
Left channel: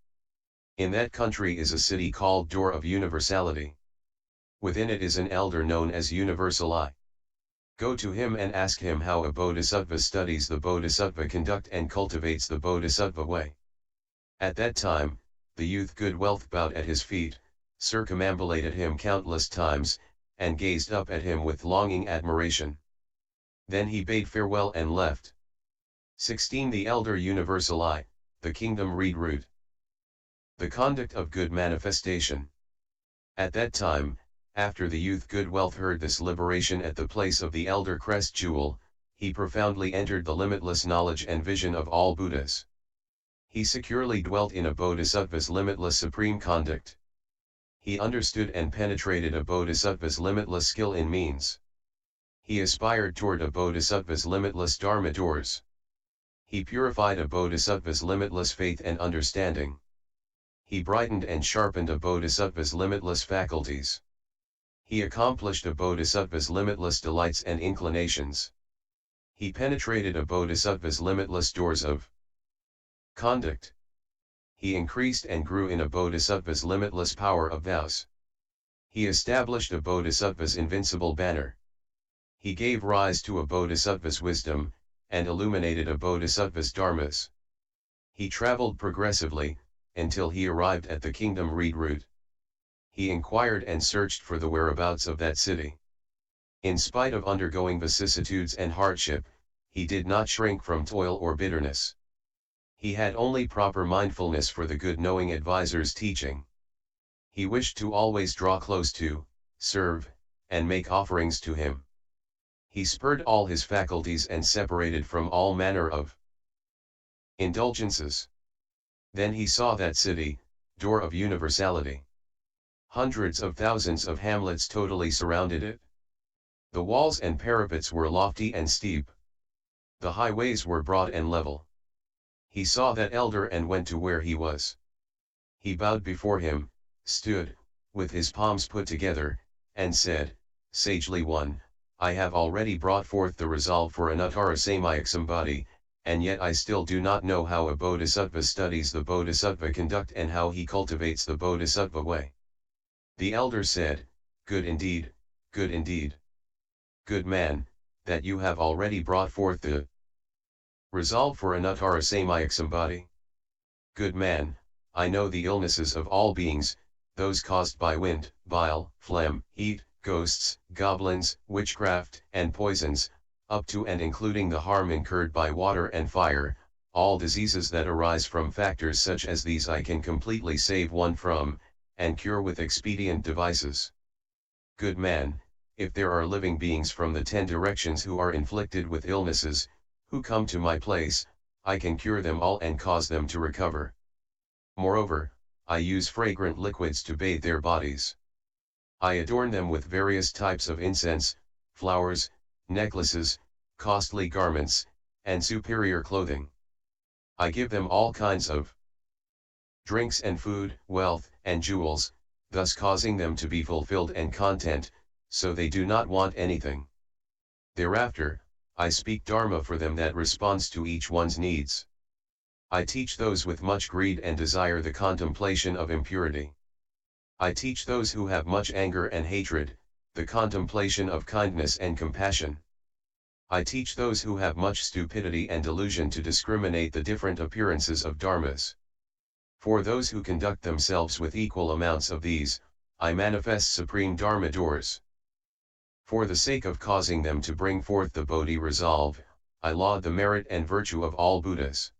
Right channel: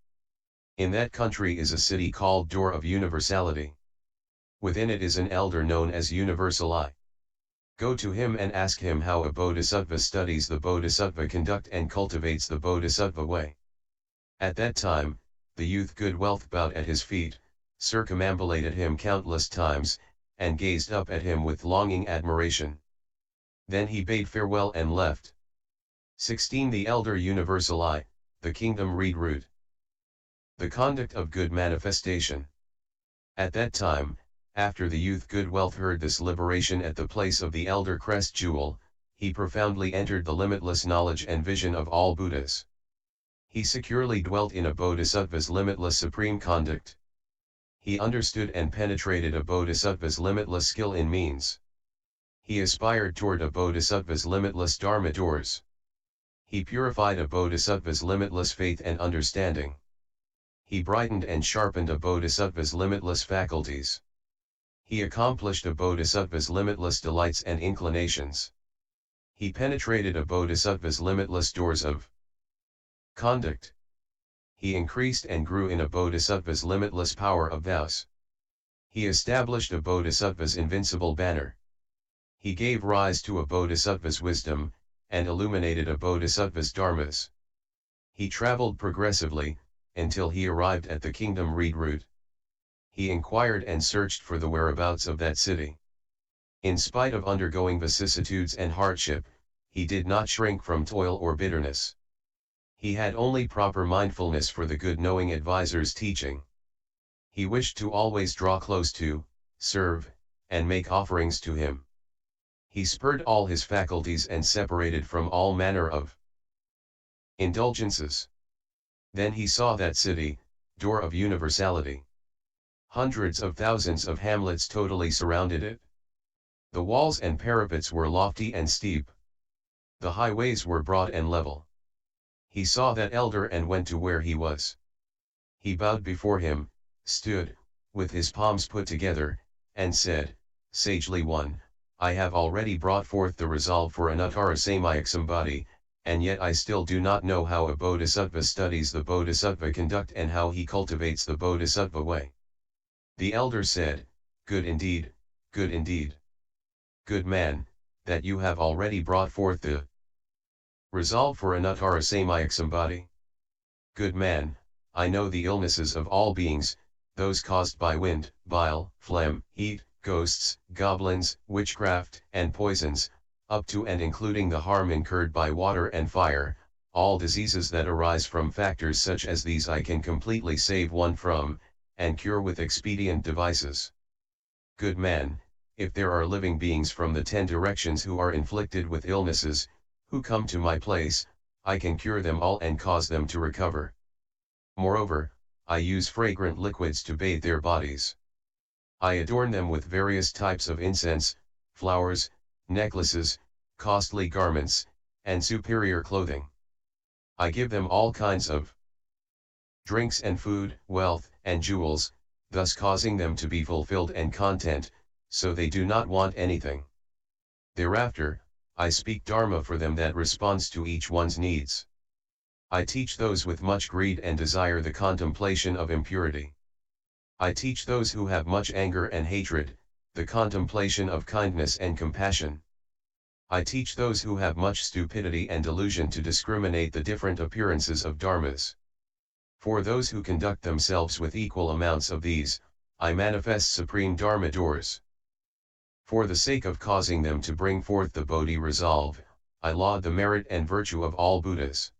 In that country is a city called Door of Universality. Within it is an elder known as Universal I. Go to him and ask him how a bodhisattva studies the bodhisattva conduct and cultivates the bodhisattva way. At that time, the youth Good Wealth bowed at his feet, circumambulated him countless times, and gazed up at him with longing admiration. Then he bade farewell and left. 16. The Elder Universal I, the Kingdom Reed Root. The conduct of good manifestation. At that time, after the youth Good Wealth heard this liberation at the place of the Elder Crest Jewel, he profoundly entered the limitless knowledge and vision of all Buddhas. He securely dwelt in a bodhisattva's limitless supreme conduct. He understood and penetrated a bodhisattva's limitless skill in means. He aspired toward a bodhisattva's limitless dharma doors. He purified a bodhisattva's limitless faith and understanding. He brightened and sharpened a bodhisattva's limitless faculties. He accomplished a bodhisattva's limitless delights and inclinations. He penetrated a bodhisattva's limitless doors of conduct. He increased and grew in a bodhisattva's limitless power of vows. He established a bodhisattva's invincible banner. He gave rise to a bodhisattva's wisdom, and illuminated a bodhisattva's dharmas. He traveled progressively, until he arrived at the kingdom Reed Root. He inquired and searched for the whereabouts of that city. In spite of undergoing vicissitudes and hardship, he did not shrink from toil or bitterness. He had only proper mindfulness for the good knowing advisor's teaching. He wished to always draw close to, serve, and make offerings to him. He spurred all his faculties and separated from all manner of indulgences. Then he saw that city, Door of Universality. Hundreds of thousands of hamlets totally surrounded it. The walls and parapets were lofty and steep. The highways were broad and level. He saw that elder and went to where he was. He bowed before him, stood, with his palms put together, and said, sagely, I have already brought forth the resolve for Anuttara Samyaksambhati, and yet I still do not know how a bodhisattva studies the bodhisattva conduct and how he cultivates the bodhisattva way. The elder said, good indeed, good indeed. Good man, that you have already brought forth the resolve for Anuttara Samyaksambhati. Good man, I know the illnesses of all beings, those caused by wind, bile, phlegm, heat, ghosts, goblins, witchcraft, and poisons, up to and including the harm incurred by water and fire, all diseases that arise from factors such as these I can completely save one from, and cure with expedient devices. Good man, if there are living beings from the 10 directions who are inflicted with illnesses, who come to my place, I can cure them all and cause them to recover. Moreover, I use fragrant liquids to bathe their bodies. I adorn them with various types of incense, flowers, necklaces, costly garments, and superior clothing. I give them all kinds of drinks and food, wealth, and jewels, thus causing them to be fulfilled and content, so they do not want anything. Thereafter, I speak Dharma for them that responds to each one's needs. I teach those with much greed and desire the contemplation of impurity. I teach those who have much anger and hatred, the contemplation of kindness and compassion. I teach those who have much stupidity and delusion to discriminate the different appearances of dharmas. For those who conduct themselves with equal amounts of these, I manifest supreme dharma doors. For the sake of causing them to bring forth the Bodhi resolve, I laud the merit and virtue of all Buddhas.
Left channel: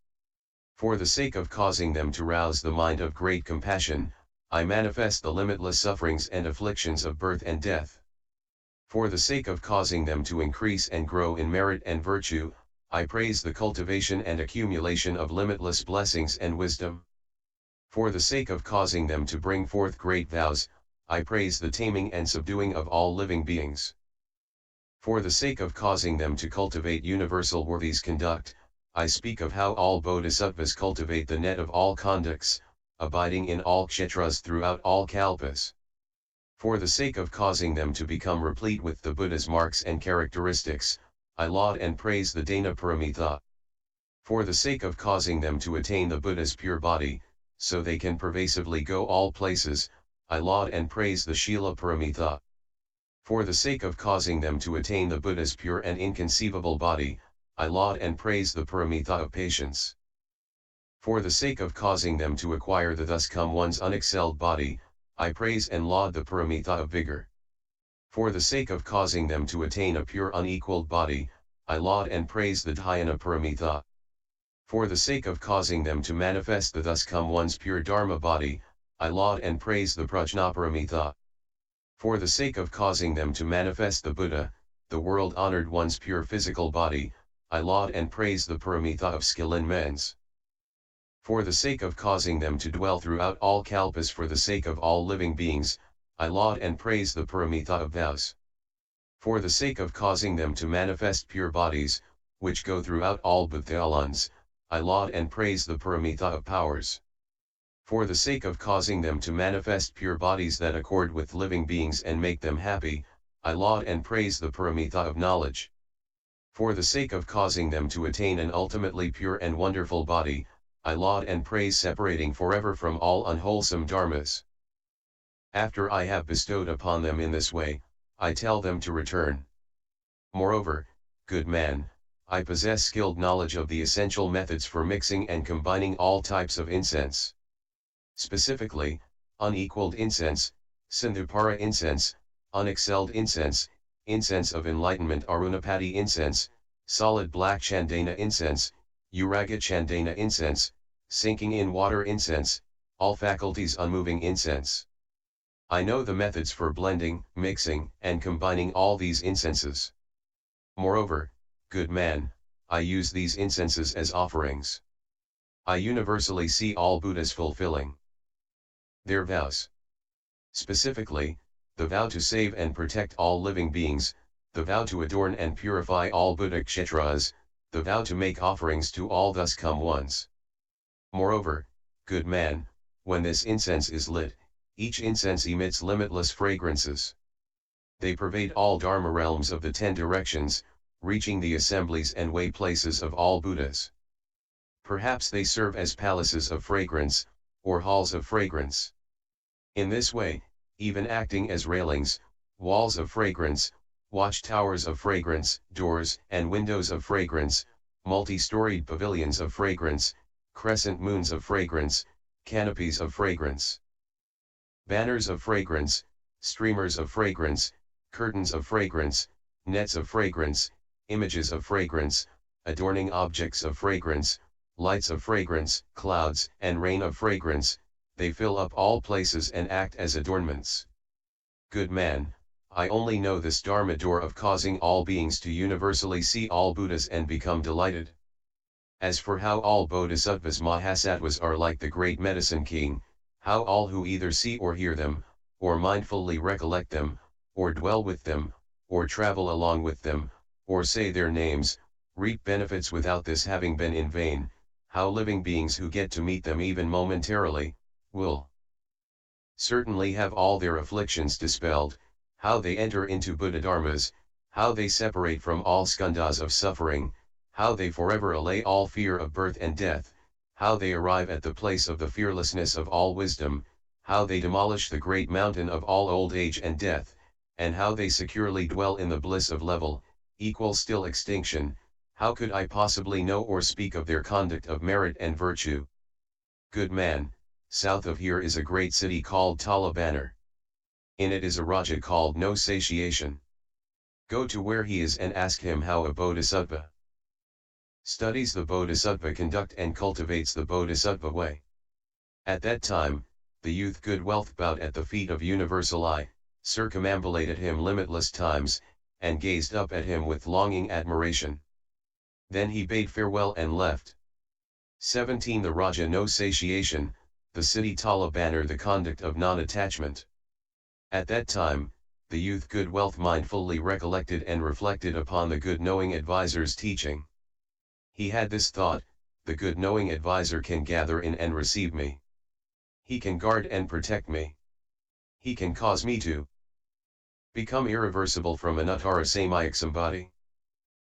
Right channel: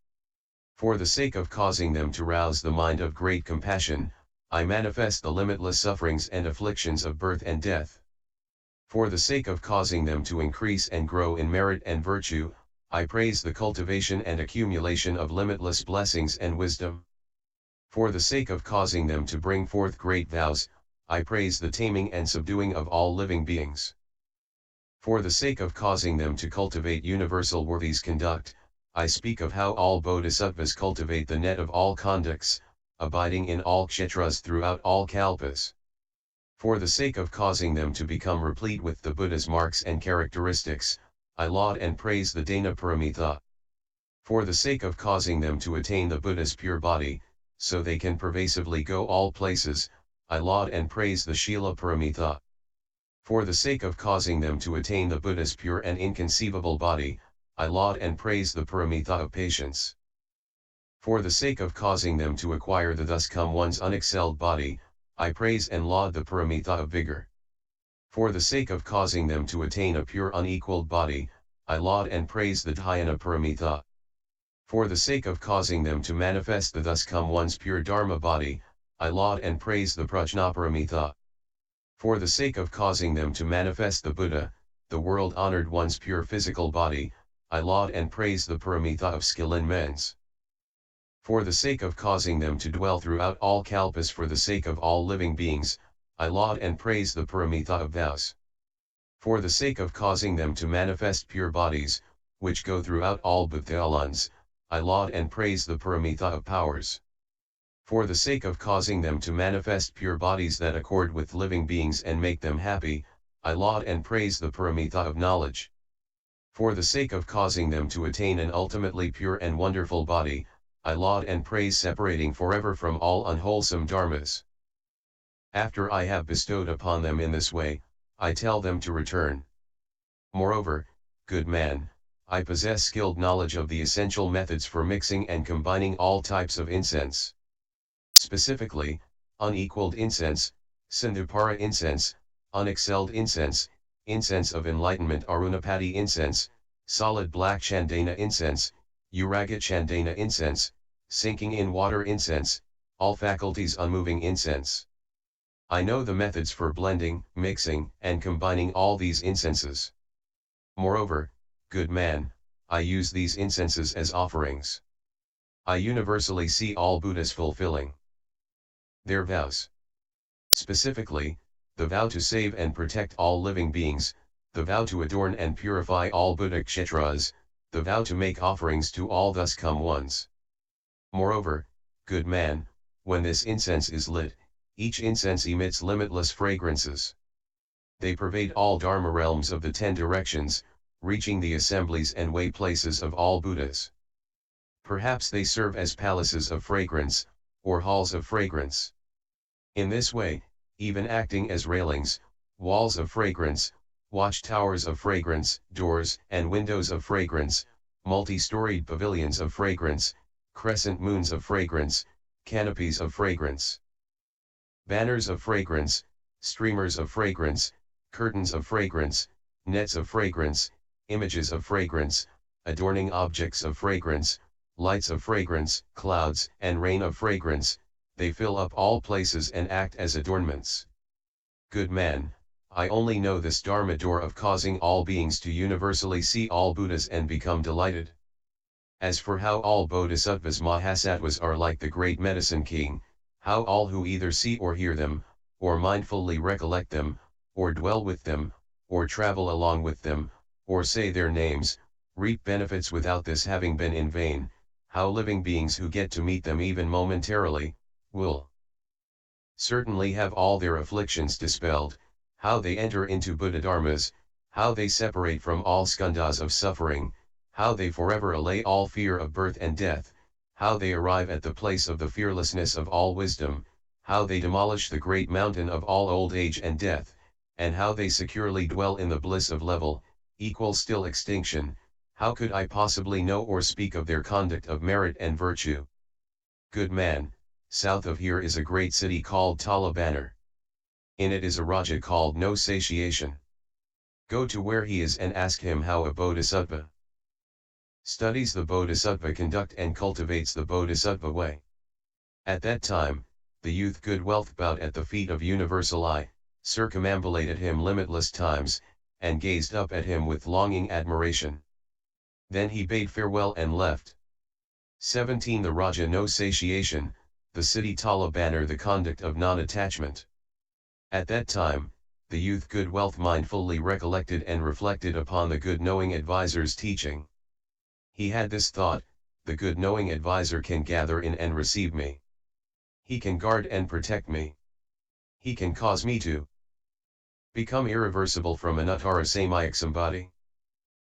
For the sake of causing them to rouse the mind of great compassion, I manifest the limitless sufferings and afflictions of birth and death. For the sake of causing them to increase and grow in merit and virtue, I praise the cultivation and accumulation of limitless blessings and wisdom. For the sake of causing them to bring forth great vows, I praise the taming and subduing of all living beings. For the sake of causing them to cultivate universal worthies conduct, I speak of how all bodhisattvas cultivate the net of all conducts, abiding in all kshetras throughout all kalpas. For the sake of causing them to become replete with the Buddha's marks and characteristics, I laud and praise the Dana Paramitha. For the sake of causing them to attain the Buddha's pure body, so they can pervasively go all places, I laud and praise the Shila Paramitha. For the sake of causing them to attain the Buddha's pure and inconceivable body, I laud and praise the Paramitha of patience. For the sake of causing them to acquire the thus come one's unexcelled body, I praise and laud the Paramitha of vigor. For the sake of causing them to attain a pure unequaled body, I laud and praise the Dhyana Paramitha. For the sake of causing them to manifest the thus come one's pure Dharma body, I laud and praise the Prajna Paramitha. For the sake of causing them to manifest the Buddha, the world-honored one's pure physical body, I laud and praise the Paramitha of skill in mens. For the sake of causing them to dwell throughout all kalpas for the sake of all living beings, I laud and praise the Paramitha of vows. For the sake of causing them to manifest pure bodies, which go throughout all bhuthalans, I laud and praise the Paramitha of powers. For the sake of causing them to manifest pure bodies that accord with living beings and make them happy, I laud and praise the Paramitha of knowledge. For the sake of causing them to attain an ultimately pure and wonderful body, I laud and praise separating forever from all unwholesome dharmas. After I have bestowed upon them in this way, I tell them to return. Moreover, good man, I possess skilled knowledge of the essential methods for mixing and combining all types of incense. Specifically, unequaled incense, Sindhupara incense, unexcelled incense, incense of enlightenment Arunapati incense, solid black Chandana incense, Uraga Chandana incense, sinking in water incense, all faculties unmoving incense. I know the methods for blending, mixing, and combining all these incenses. Moreover, good man, I use these incenses as offerings. I universally see all Buddhas fulfilling their vows. Specifically, the vow to save and protect all living beings, the vow to adorn and purify all Buddha kshetras, the vow to make offerings to all thus come ones. Moreover, good man, when this incense is lit, each incense emits limitless fragrances. They pervade all Dharma realms of the 10 directions, reaching the assemblies and way places of all Buddhas. Perhaps they serve as palaces of fragrance, or halls of fragrance. In this way, even acting as railings, walls of fragrance, watchtowers of fragrance, doors and windows of fragrance, multi-storied pavilions of fragrance, crescent moons of fragrance, canopies of fragrance, banners of fragrance, streamers of fragrance, curtains of fragrance, nets of fragrance, images of fragrance, adorning objects of fragrance, lights of fragrance, clouds and rain of fragrance, they fill up all places and act as adornments. Good man, I only know this Dharma door of causing all beings to universally see all Buddhas and become delighted. As for how all bodhisattvas mahasattvas are like the great medicine king, How all who either see or hear them, or mindfully recollect them, or dwell with them, or travel along with them, or say their names, reap benefits without this having been in vain. How living beings who get to meet them even momentarily, will certainly have all their afflictions dispelled. How they enter into Buddha-dharmas, how they separate from all skandhas of suffering, how they forever allay all fear of birth and death, how they arrive at the place of the fearlessness of all wisdom, how they demolish the great mountain of all old age and death, and how they securely dwell in the bliss of level, equal still extinction. How could I possibly know or speak of their conduct of merit and virtue? Good man, south of here is a great city called Talabanar. In it is a Raja called No Satiation. Go to where he is and ask him how a bodhisattva studies the bodhisattva conduct and cultivates the bodhisattva way. At that time, the youth good wealth bowed at the feet of universal I, circumambulated him limitless times, and gazed up at him with longing admiration. Then he bade farewell and left. 17. The Raja No Satiation, the city Talabanar, the conduct of non-attachment. At that time, the youth good wealth mindfully recollected and reflected upon the good knowing advisor's teaching. He had this thought: the good knowing advisor can gather in and receive me. He can guard and protect me. He can cause me to become irreversible from anuttara samyak sambodhi.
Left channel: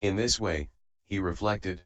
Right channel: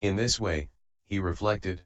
In this way, he reflected.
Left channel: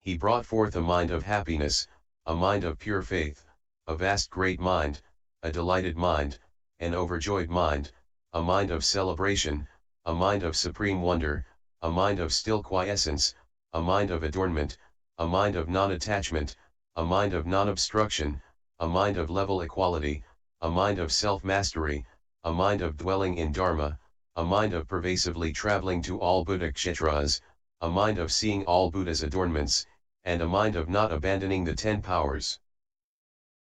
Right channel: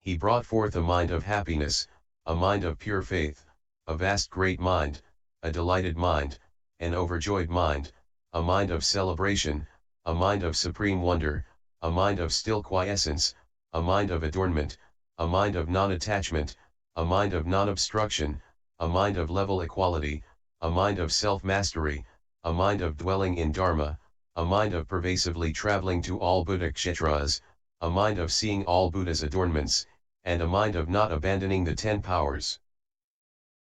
He brought forth a mind of happiness, a mind of pure faith, a vast great mind, a delighted mind, an overjoyed mind, a mind of celebration, a mind of supreme wonder, a mind of still quiescence, a mind of adornment, a mind of non-attachment, a mind of non-obstruction, a mind of level equality, a mind of self-mastery, a mind of dwelling in Dharma, a mind of pervasively traveling to all Buddha kshetras, a mind of seeing all Buddha's adornments, and a mind of not abandoning the 10 powers.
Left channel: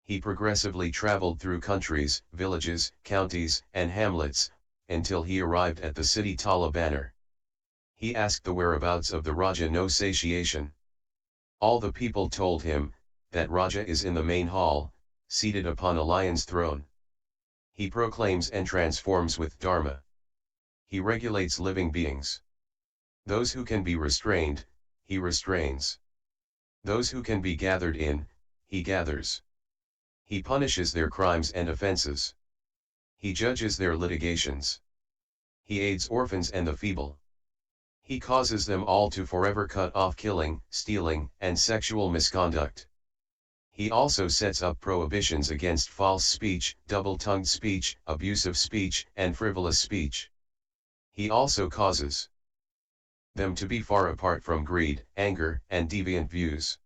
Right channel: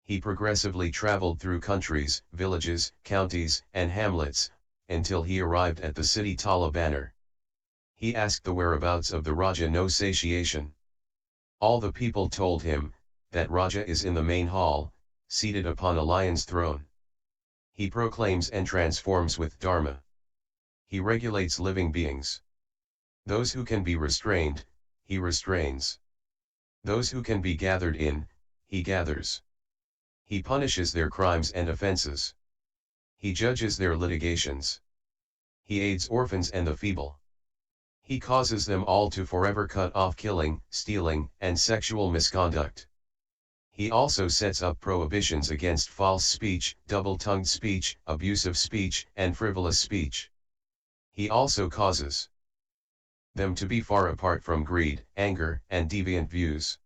He progressively traveled through countries, villages, counties, and hamlets, until he arrived at the city Talabanar. He asked the whereabouts of the Raja No Satiation. All the people told him, that Raja is in the main hall, seated upon a lion's throne. He proclaims and transforms with Dharma. He regulates living beings. Those who can be restrained, he restrains. Those who can be gathered in, he gathers. He punishes their crimes and offenses. He judges their litigations. He aids orphans and the feeble. He causes them all to forever cut off killing, stealing, and sexual misconduct. He also sets up prohibitions against false speech, double-tongued speech, abusive speech, and frivolous speech. He also causes them to be far apart from greed, anger, and deviant views.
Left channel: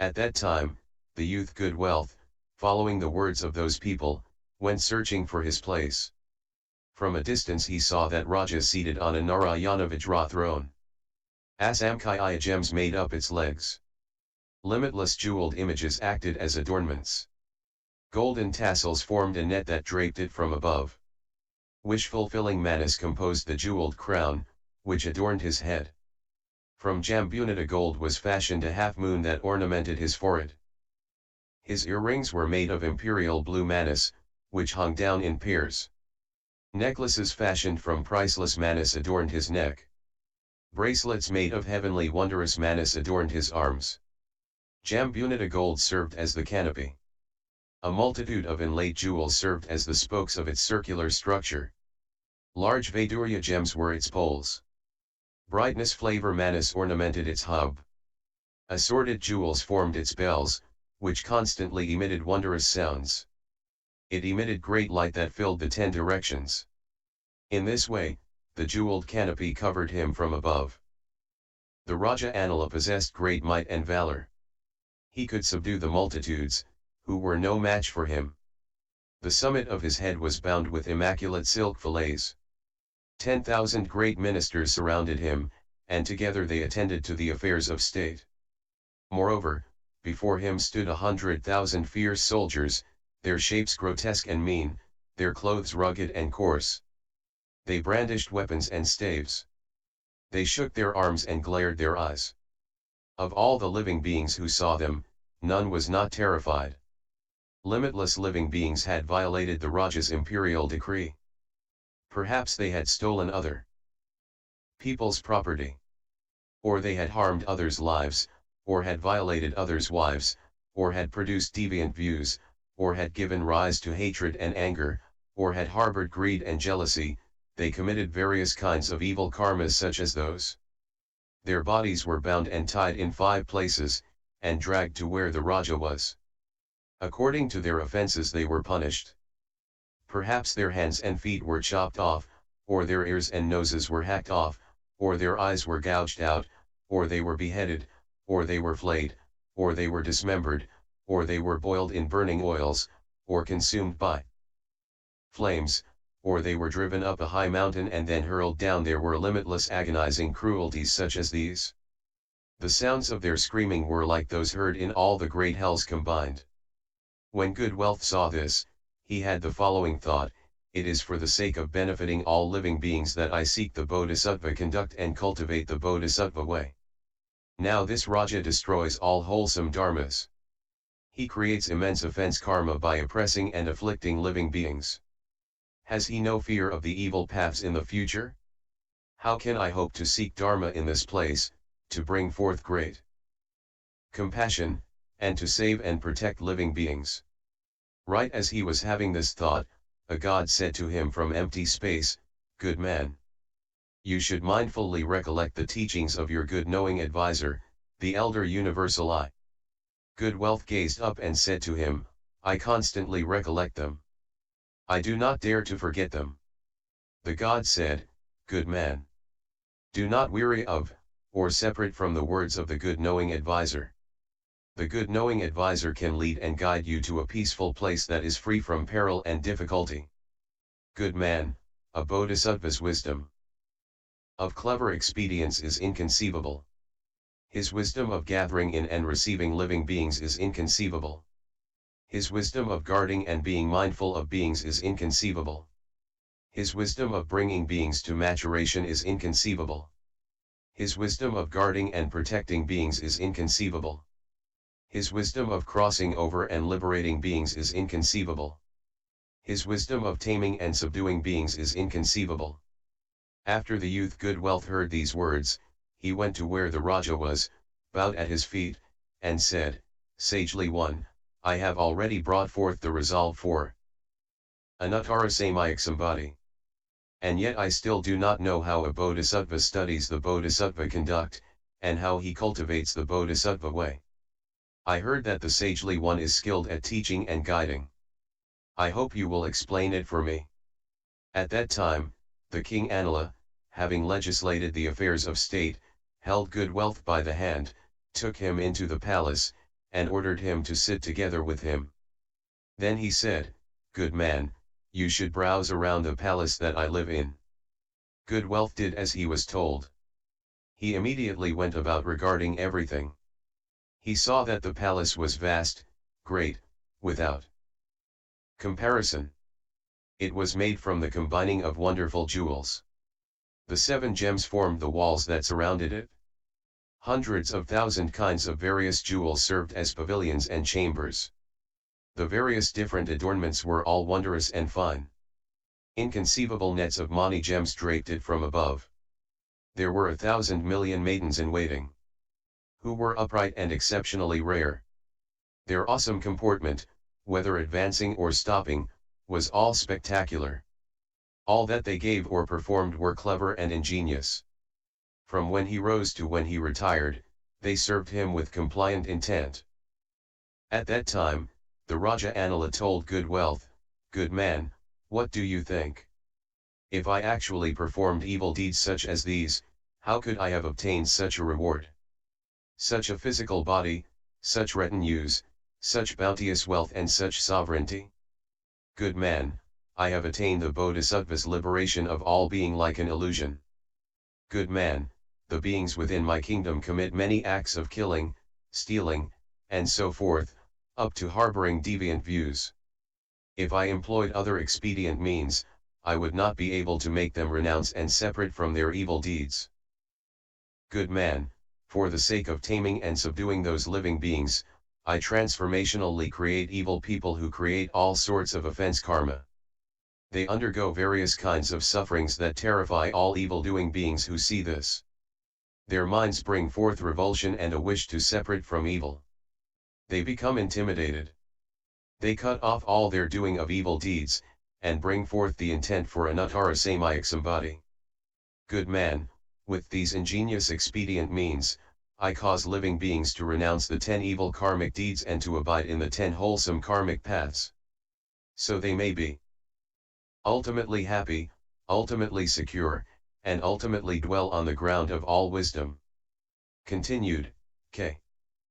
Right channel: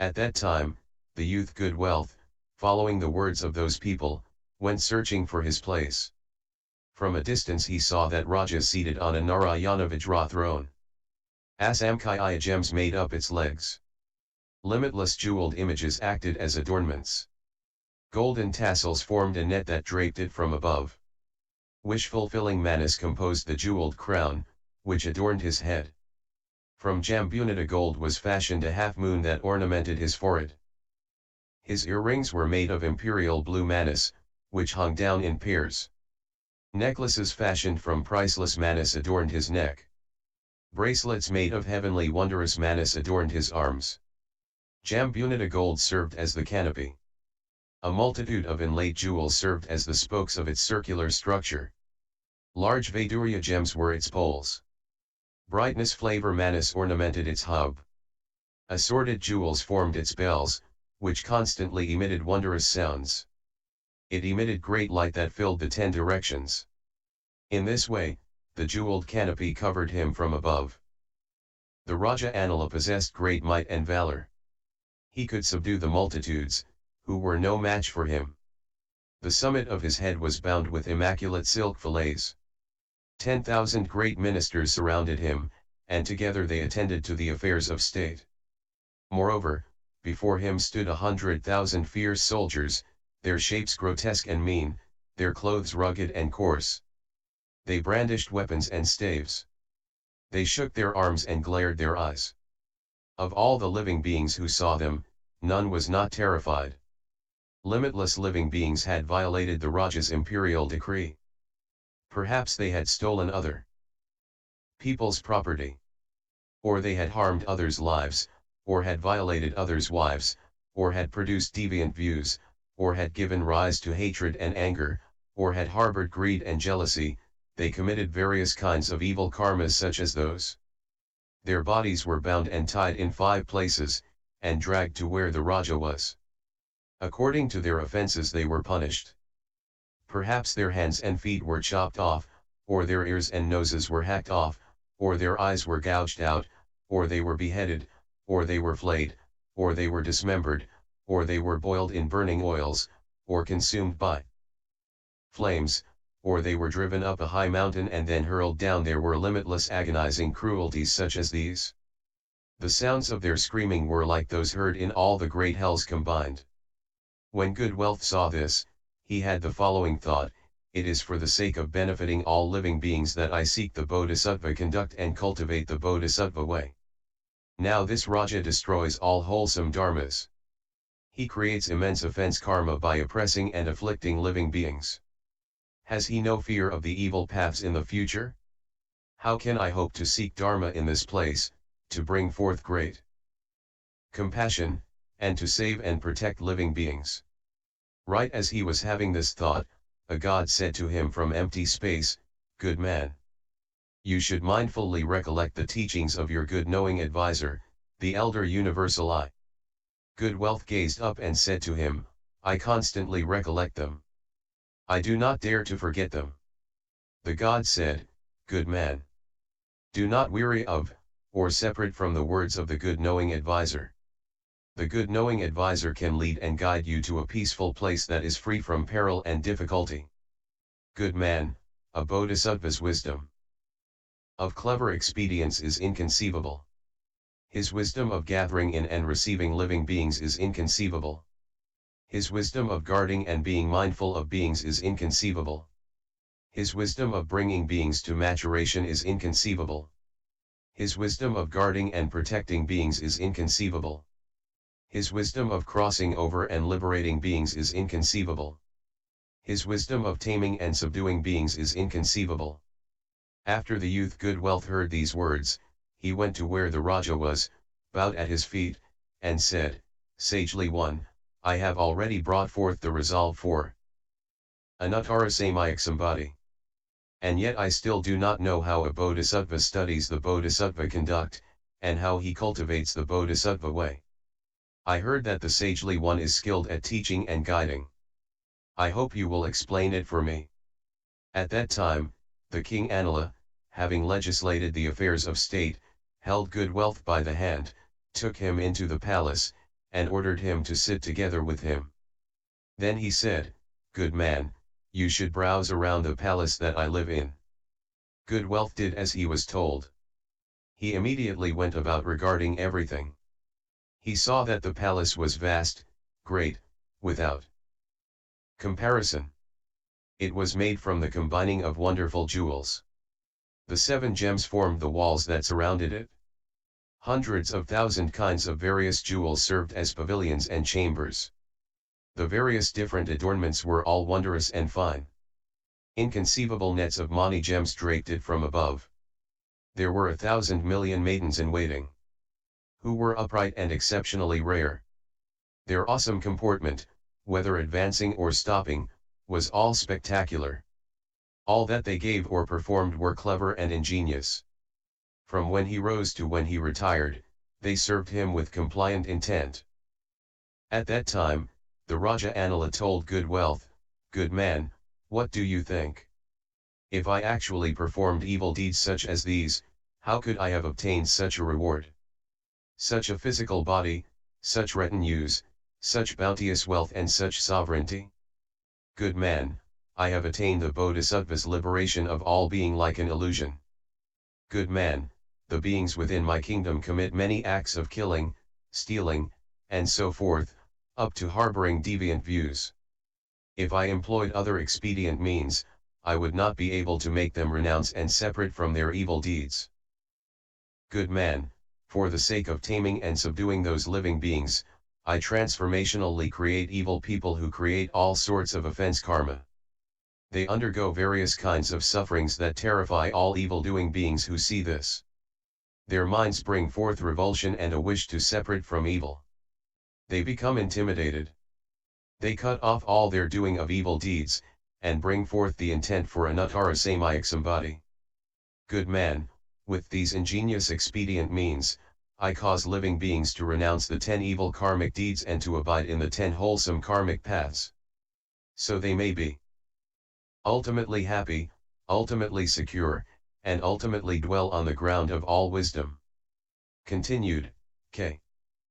At that time, the youth good wealth, following the words of those people, went searching for his place. From a distance he saw that Raja seated on a Narayana Vajra throne. Asamkhya gems made up its legs. Limitless jeweled images acted as adornments. Golden tassels formed a net that draped it from above. Wish-fulfilling manas composed the jeweled crown, which adorned his head. From Jambunita gold was fashioned a half-moon that ornamented his forehead. His earrings were made of imperial blue manas, which hung down in pairs. Necklaces fashioned from priceless manas adorned his neck. Bracelets made of heavenly wondrous manas adorned his arms. Jambunita gold served as the canopy. A multitude of inlaid jewels served as the spokes of its circular structure. Large Vaidurya gems were its poles. Brightness flavor manas ornamented its hub. Assorted jewels formed its bells, which constantly emitted wondrous sounds. It emitted great light that filled the 10 directions. In this way, the jeweled canopy covered him from above. The Raja Anila possessed great might and valor. He could subdue the multitudes, who were no match for him. The summit of his head was bound with immaculate silk fillets. 10,000 great ministers surrounded him, and together they attended to the affairs of state. Moreover, before him stood 100,000 fierce soldiers, their shapes grotesque and mean, their clothes rugged and coarse. They brandished weapons and staves. They shook their arms and glared their eyes. Of all the living beings who saw them, none was not terrified. Limitless living beings had violated the Raja's imperial decree. Perhaps they had stolen other people's property. Or they had harmed others' lives, or had violated others' wives, or had produced deviant views, or had given rise to hatred and anger, or had harbored greed and jealousy. They committed various kinds of evil karmas such as those. Their bodies were bound and tied in 5 places, and dragged to where the Raja was. According to their offenses they were punished. Perhaps their hands and feet were chopped off, or their ears and noses were hacked off, or their eyes were gouged out, or they were beheaded, or they were flayed, or they were dismembered, or they were boiled in burning oils, or consumed by flames, or they were driven up a high mountain and then hurled down. There were limitless agonizing cruelties such as these. The sounds of their screaming were like those heard in all the great hells combined. When Good Wealth saw this, he had the following thought: it is for the sake of benefiting all living beings that I seek the Bodhisattva conduct and cultivate the Bodhisattva way. Now this Raja destroys all wholesome dharmas. He creates immense offense karma by oppressing and afflicting living beings. Has he no fear of the evil paths in the future? How can I hope to seek Dharma in this place, to bring forth great compassion, and to save and protect living beings? Right as he was having this thought, a god said to him from empty space, "Good man, you should mindfully recollect the teachings of your good knowing advisor, the elder universal I." Good Wealth gazed up and said to him, "I constantly recollect them. I do not dare to forget them." The god said, "Good man, do not weary of, or separate from the words of the good knowing advisor. The good knowing advisor can lead and guide you to a peaceful place that is free from peril and difficulty. Good man, a bodhisattva's wisdom of clever expedients is inconceivable. His wisdom of gathering in and receiving living beings is inconceivable. His wisdom of guarding and being mindful of beings is inconceivable. His wisdom of bringing beings to maturation is inconceivable. His wisdom of guarding and protecting beings is inconceivable. His wisdom of crossing over and liberating beings is inconceivable. His wisdom of taming and subduing beings is inconceivable." After the youth Good Wealth heard these words, he went to where the Raja was, bowed at his feet, and said, "Sagely one, I have already brought forth the resolve for Anuttarasamaya. And yet I still do not know how a bodhisattva studies the bodhisattva conduct, and how he cultivates the bodhisattva way. I heard that the Sagely One is skilled at teaching and guiding. I hope you will explain it for me." At that time, the king Anila, having legislated the affairs of state, held Good Wealth by the hand, took him into the palace, and ordered him to sit together with him. Then he said, "Good man, you should browse around the palace that I live in." Good Wealth did as he was told. He immediately went about regarding everything. He saw that the palace was vast, great, without comparison. It was made from the combining of wonderful jewels. The 7 gems formed the walls that surrounded it. Hundreds of thousand kinds of various jewels served as pavilions and chambers. The various different adornments were all wondrous and fine. Inconceivable nets of mani gems draped it from above. There were 1,000 million maidens in waiting, who were upright and exceptionally rare. Their awesome comportment, whether advancing or stopping, was all spectacular. All that they gave or performed were clever and ingenious. From when he rose to when he retired, they served him with compliant intent. At that time, the Raja Anila told Good Wealth, "Good man, what do you think? If I actually performed evil deeds such as these, how could I have obtained such a reward? Such a physical body, such retinues, such bounteous wealth and such sovereignty? Good man, I have attained the Bodhisattva's liberation of all being like an illusion. Good man, the beings within my kingdom commit many acts of killing, stealing, and so forth, up to harboring deviant views. If I employed other expedient means, I would not be able to make them renounce and separate from their evil deeds. Good man, for the sake of taming and subduing those living beings, I transformationally create evil people who create all sorts of offense karma. They undergo various kinds of sufferings that terrify all evil-doing beings who see this. Their minds bring forth revulsion and a wish to separate from evil. They become intimidated. They cut off all their doing of evil deeds, and bring forth the intent for anuttara samyak sambodhi. Good man, with these ingenious expedient means, I cause living beings to renounce the 10 evil karmic deeds and to abide in the 10 wholesome karmic paths. So they may be ultimately happy, ultimately secure, and ultimately dwell on the ground of all wisdom. Continued, K.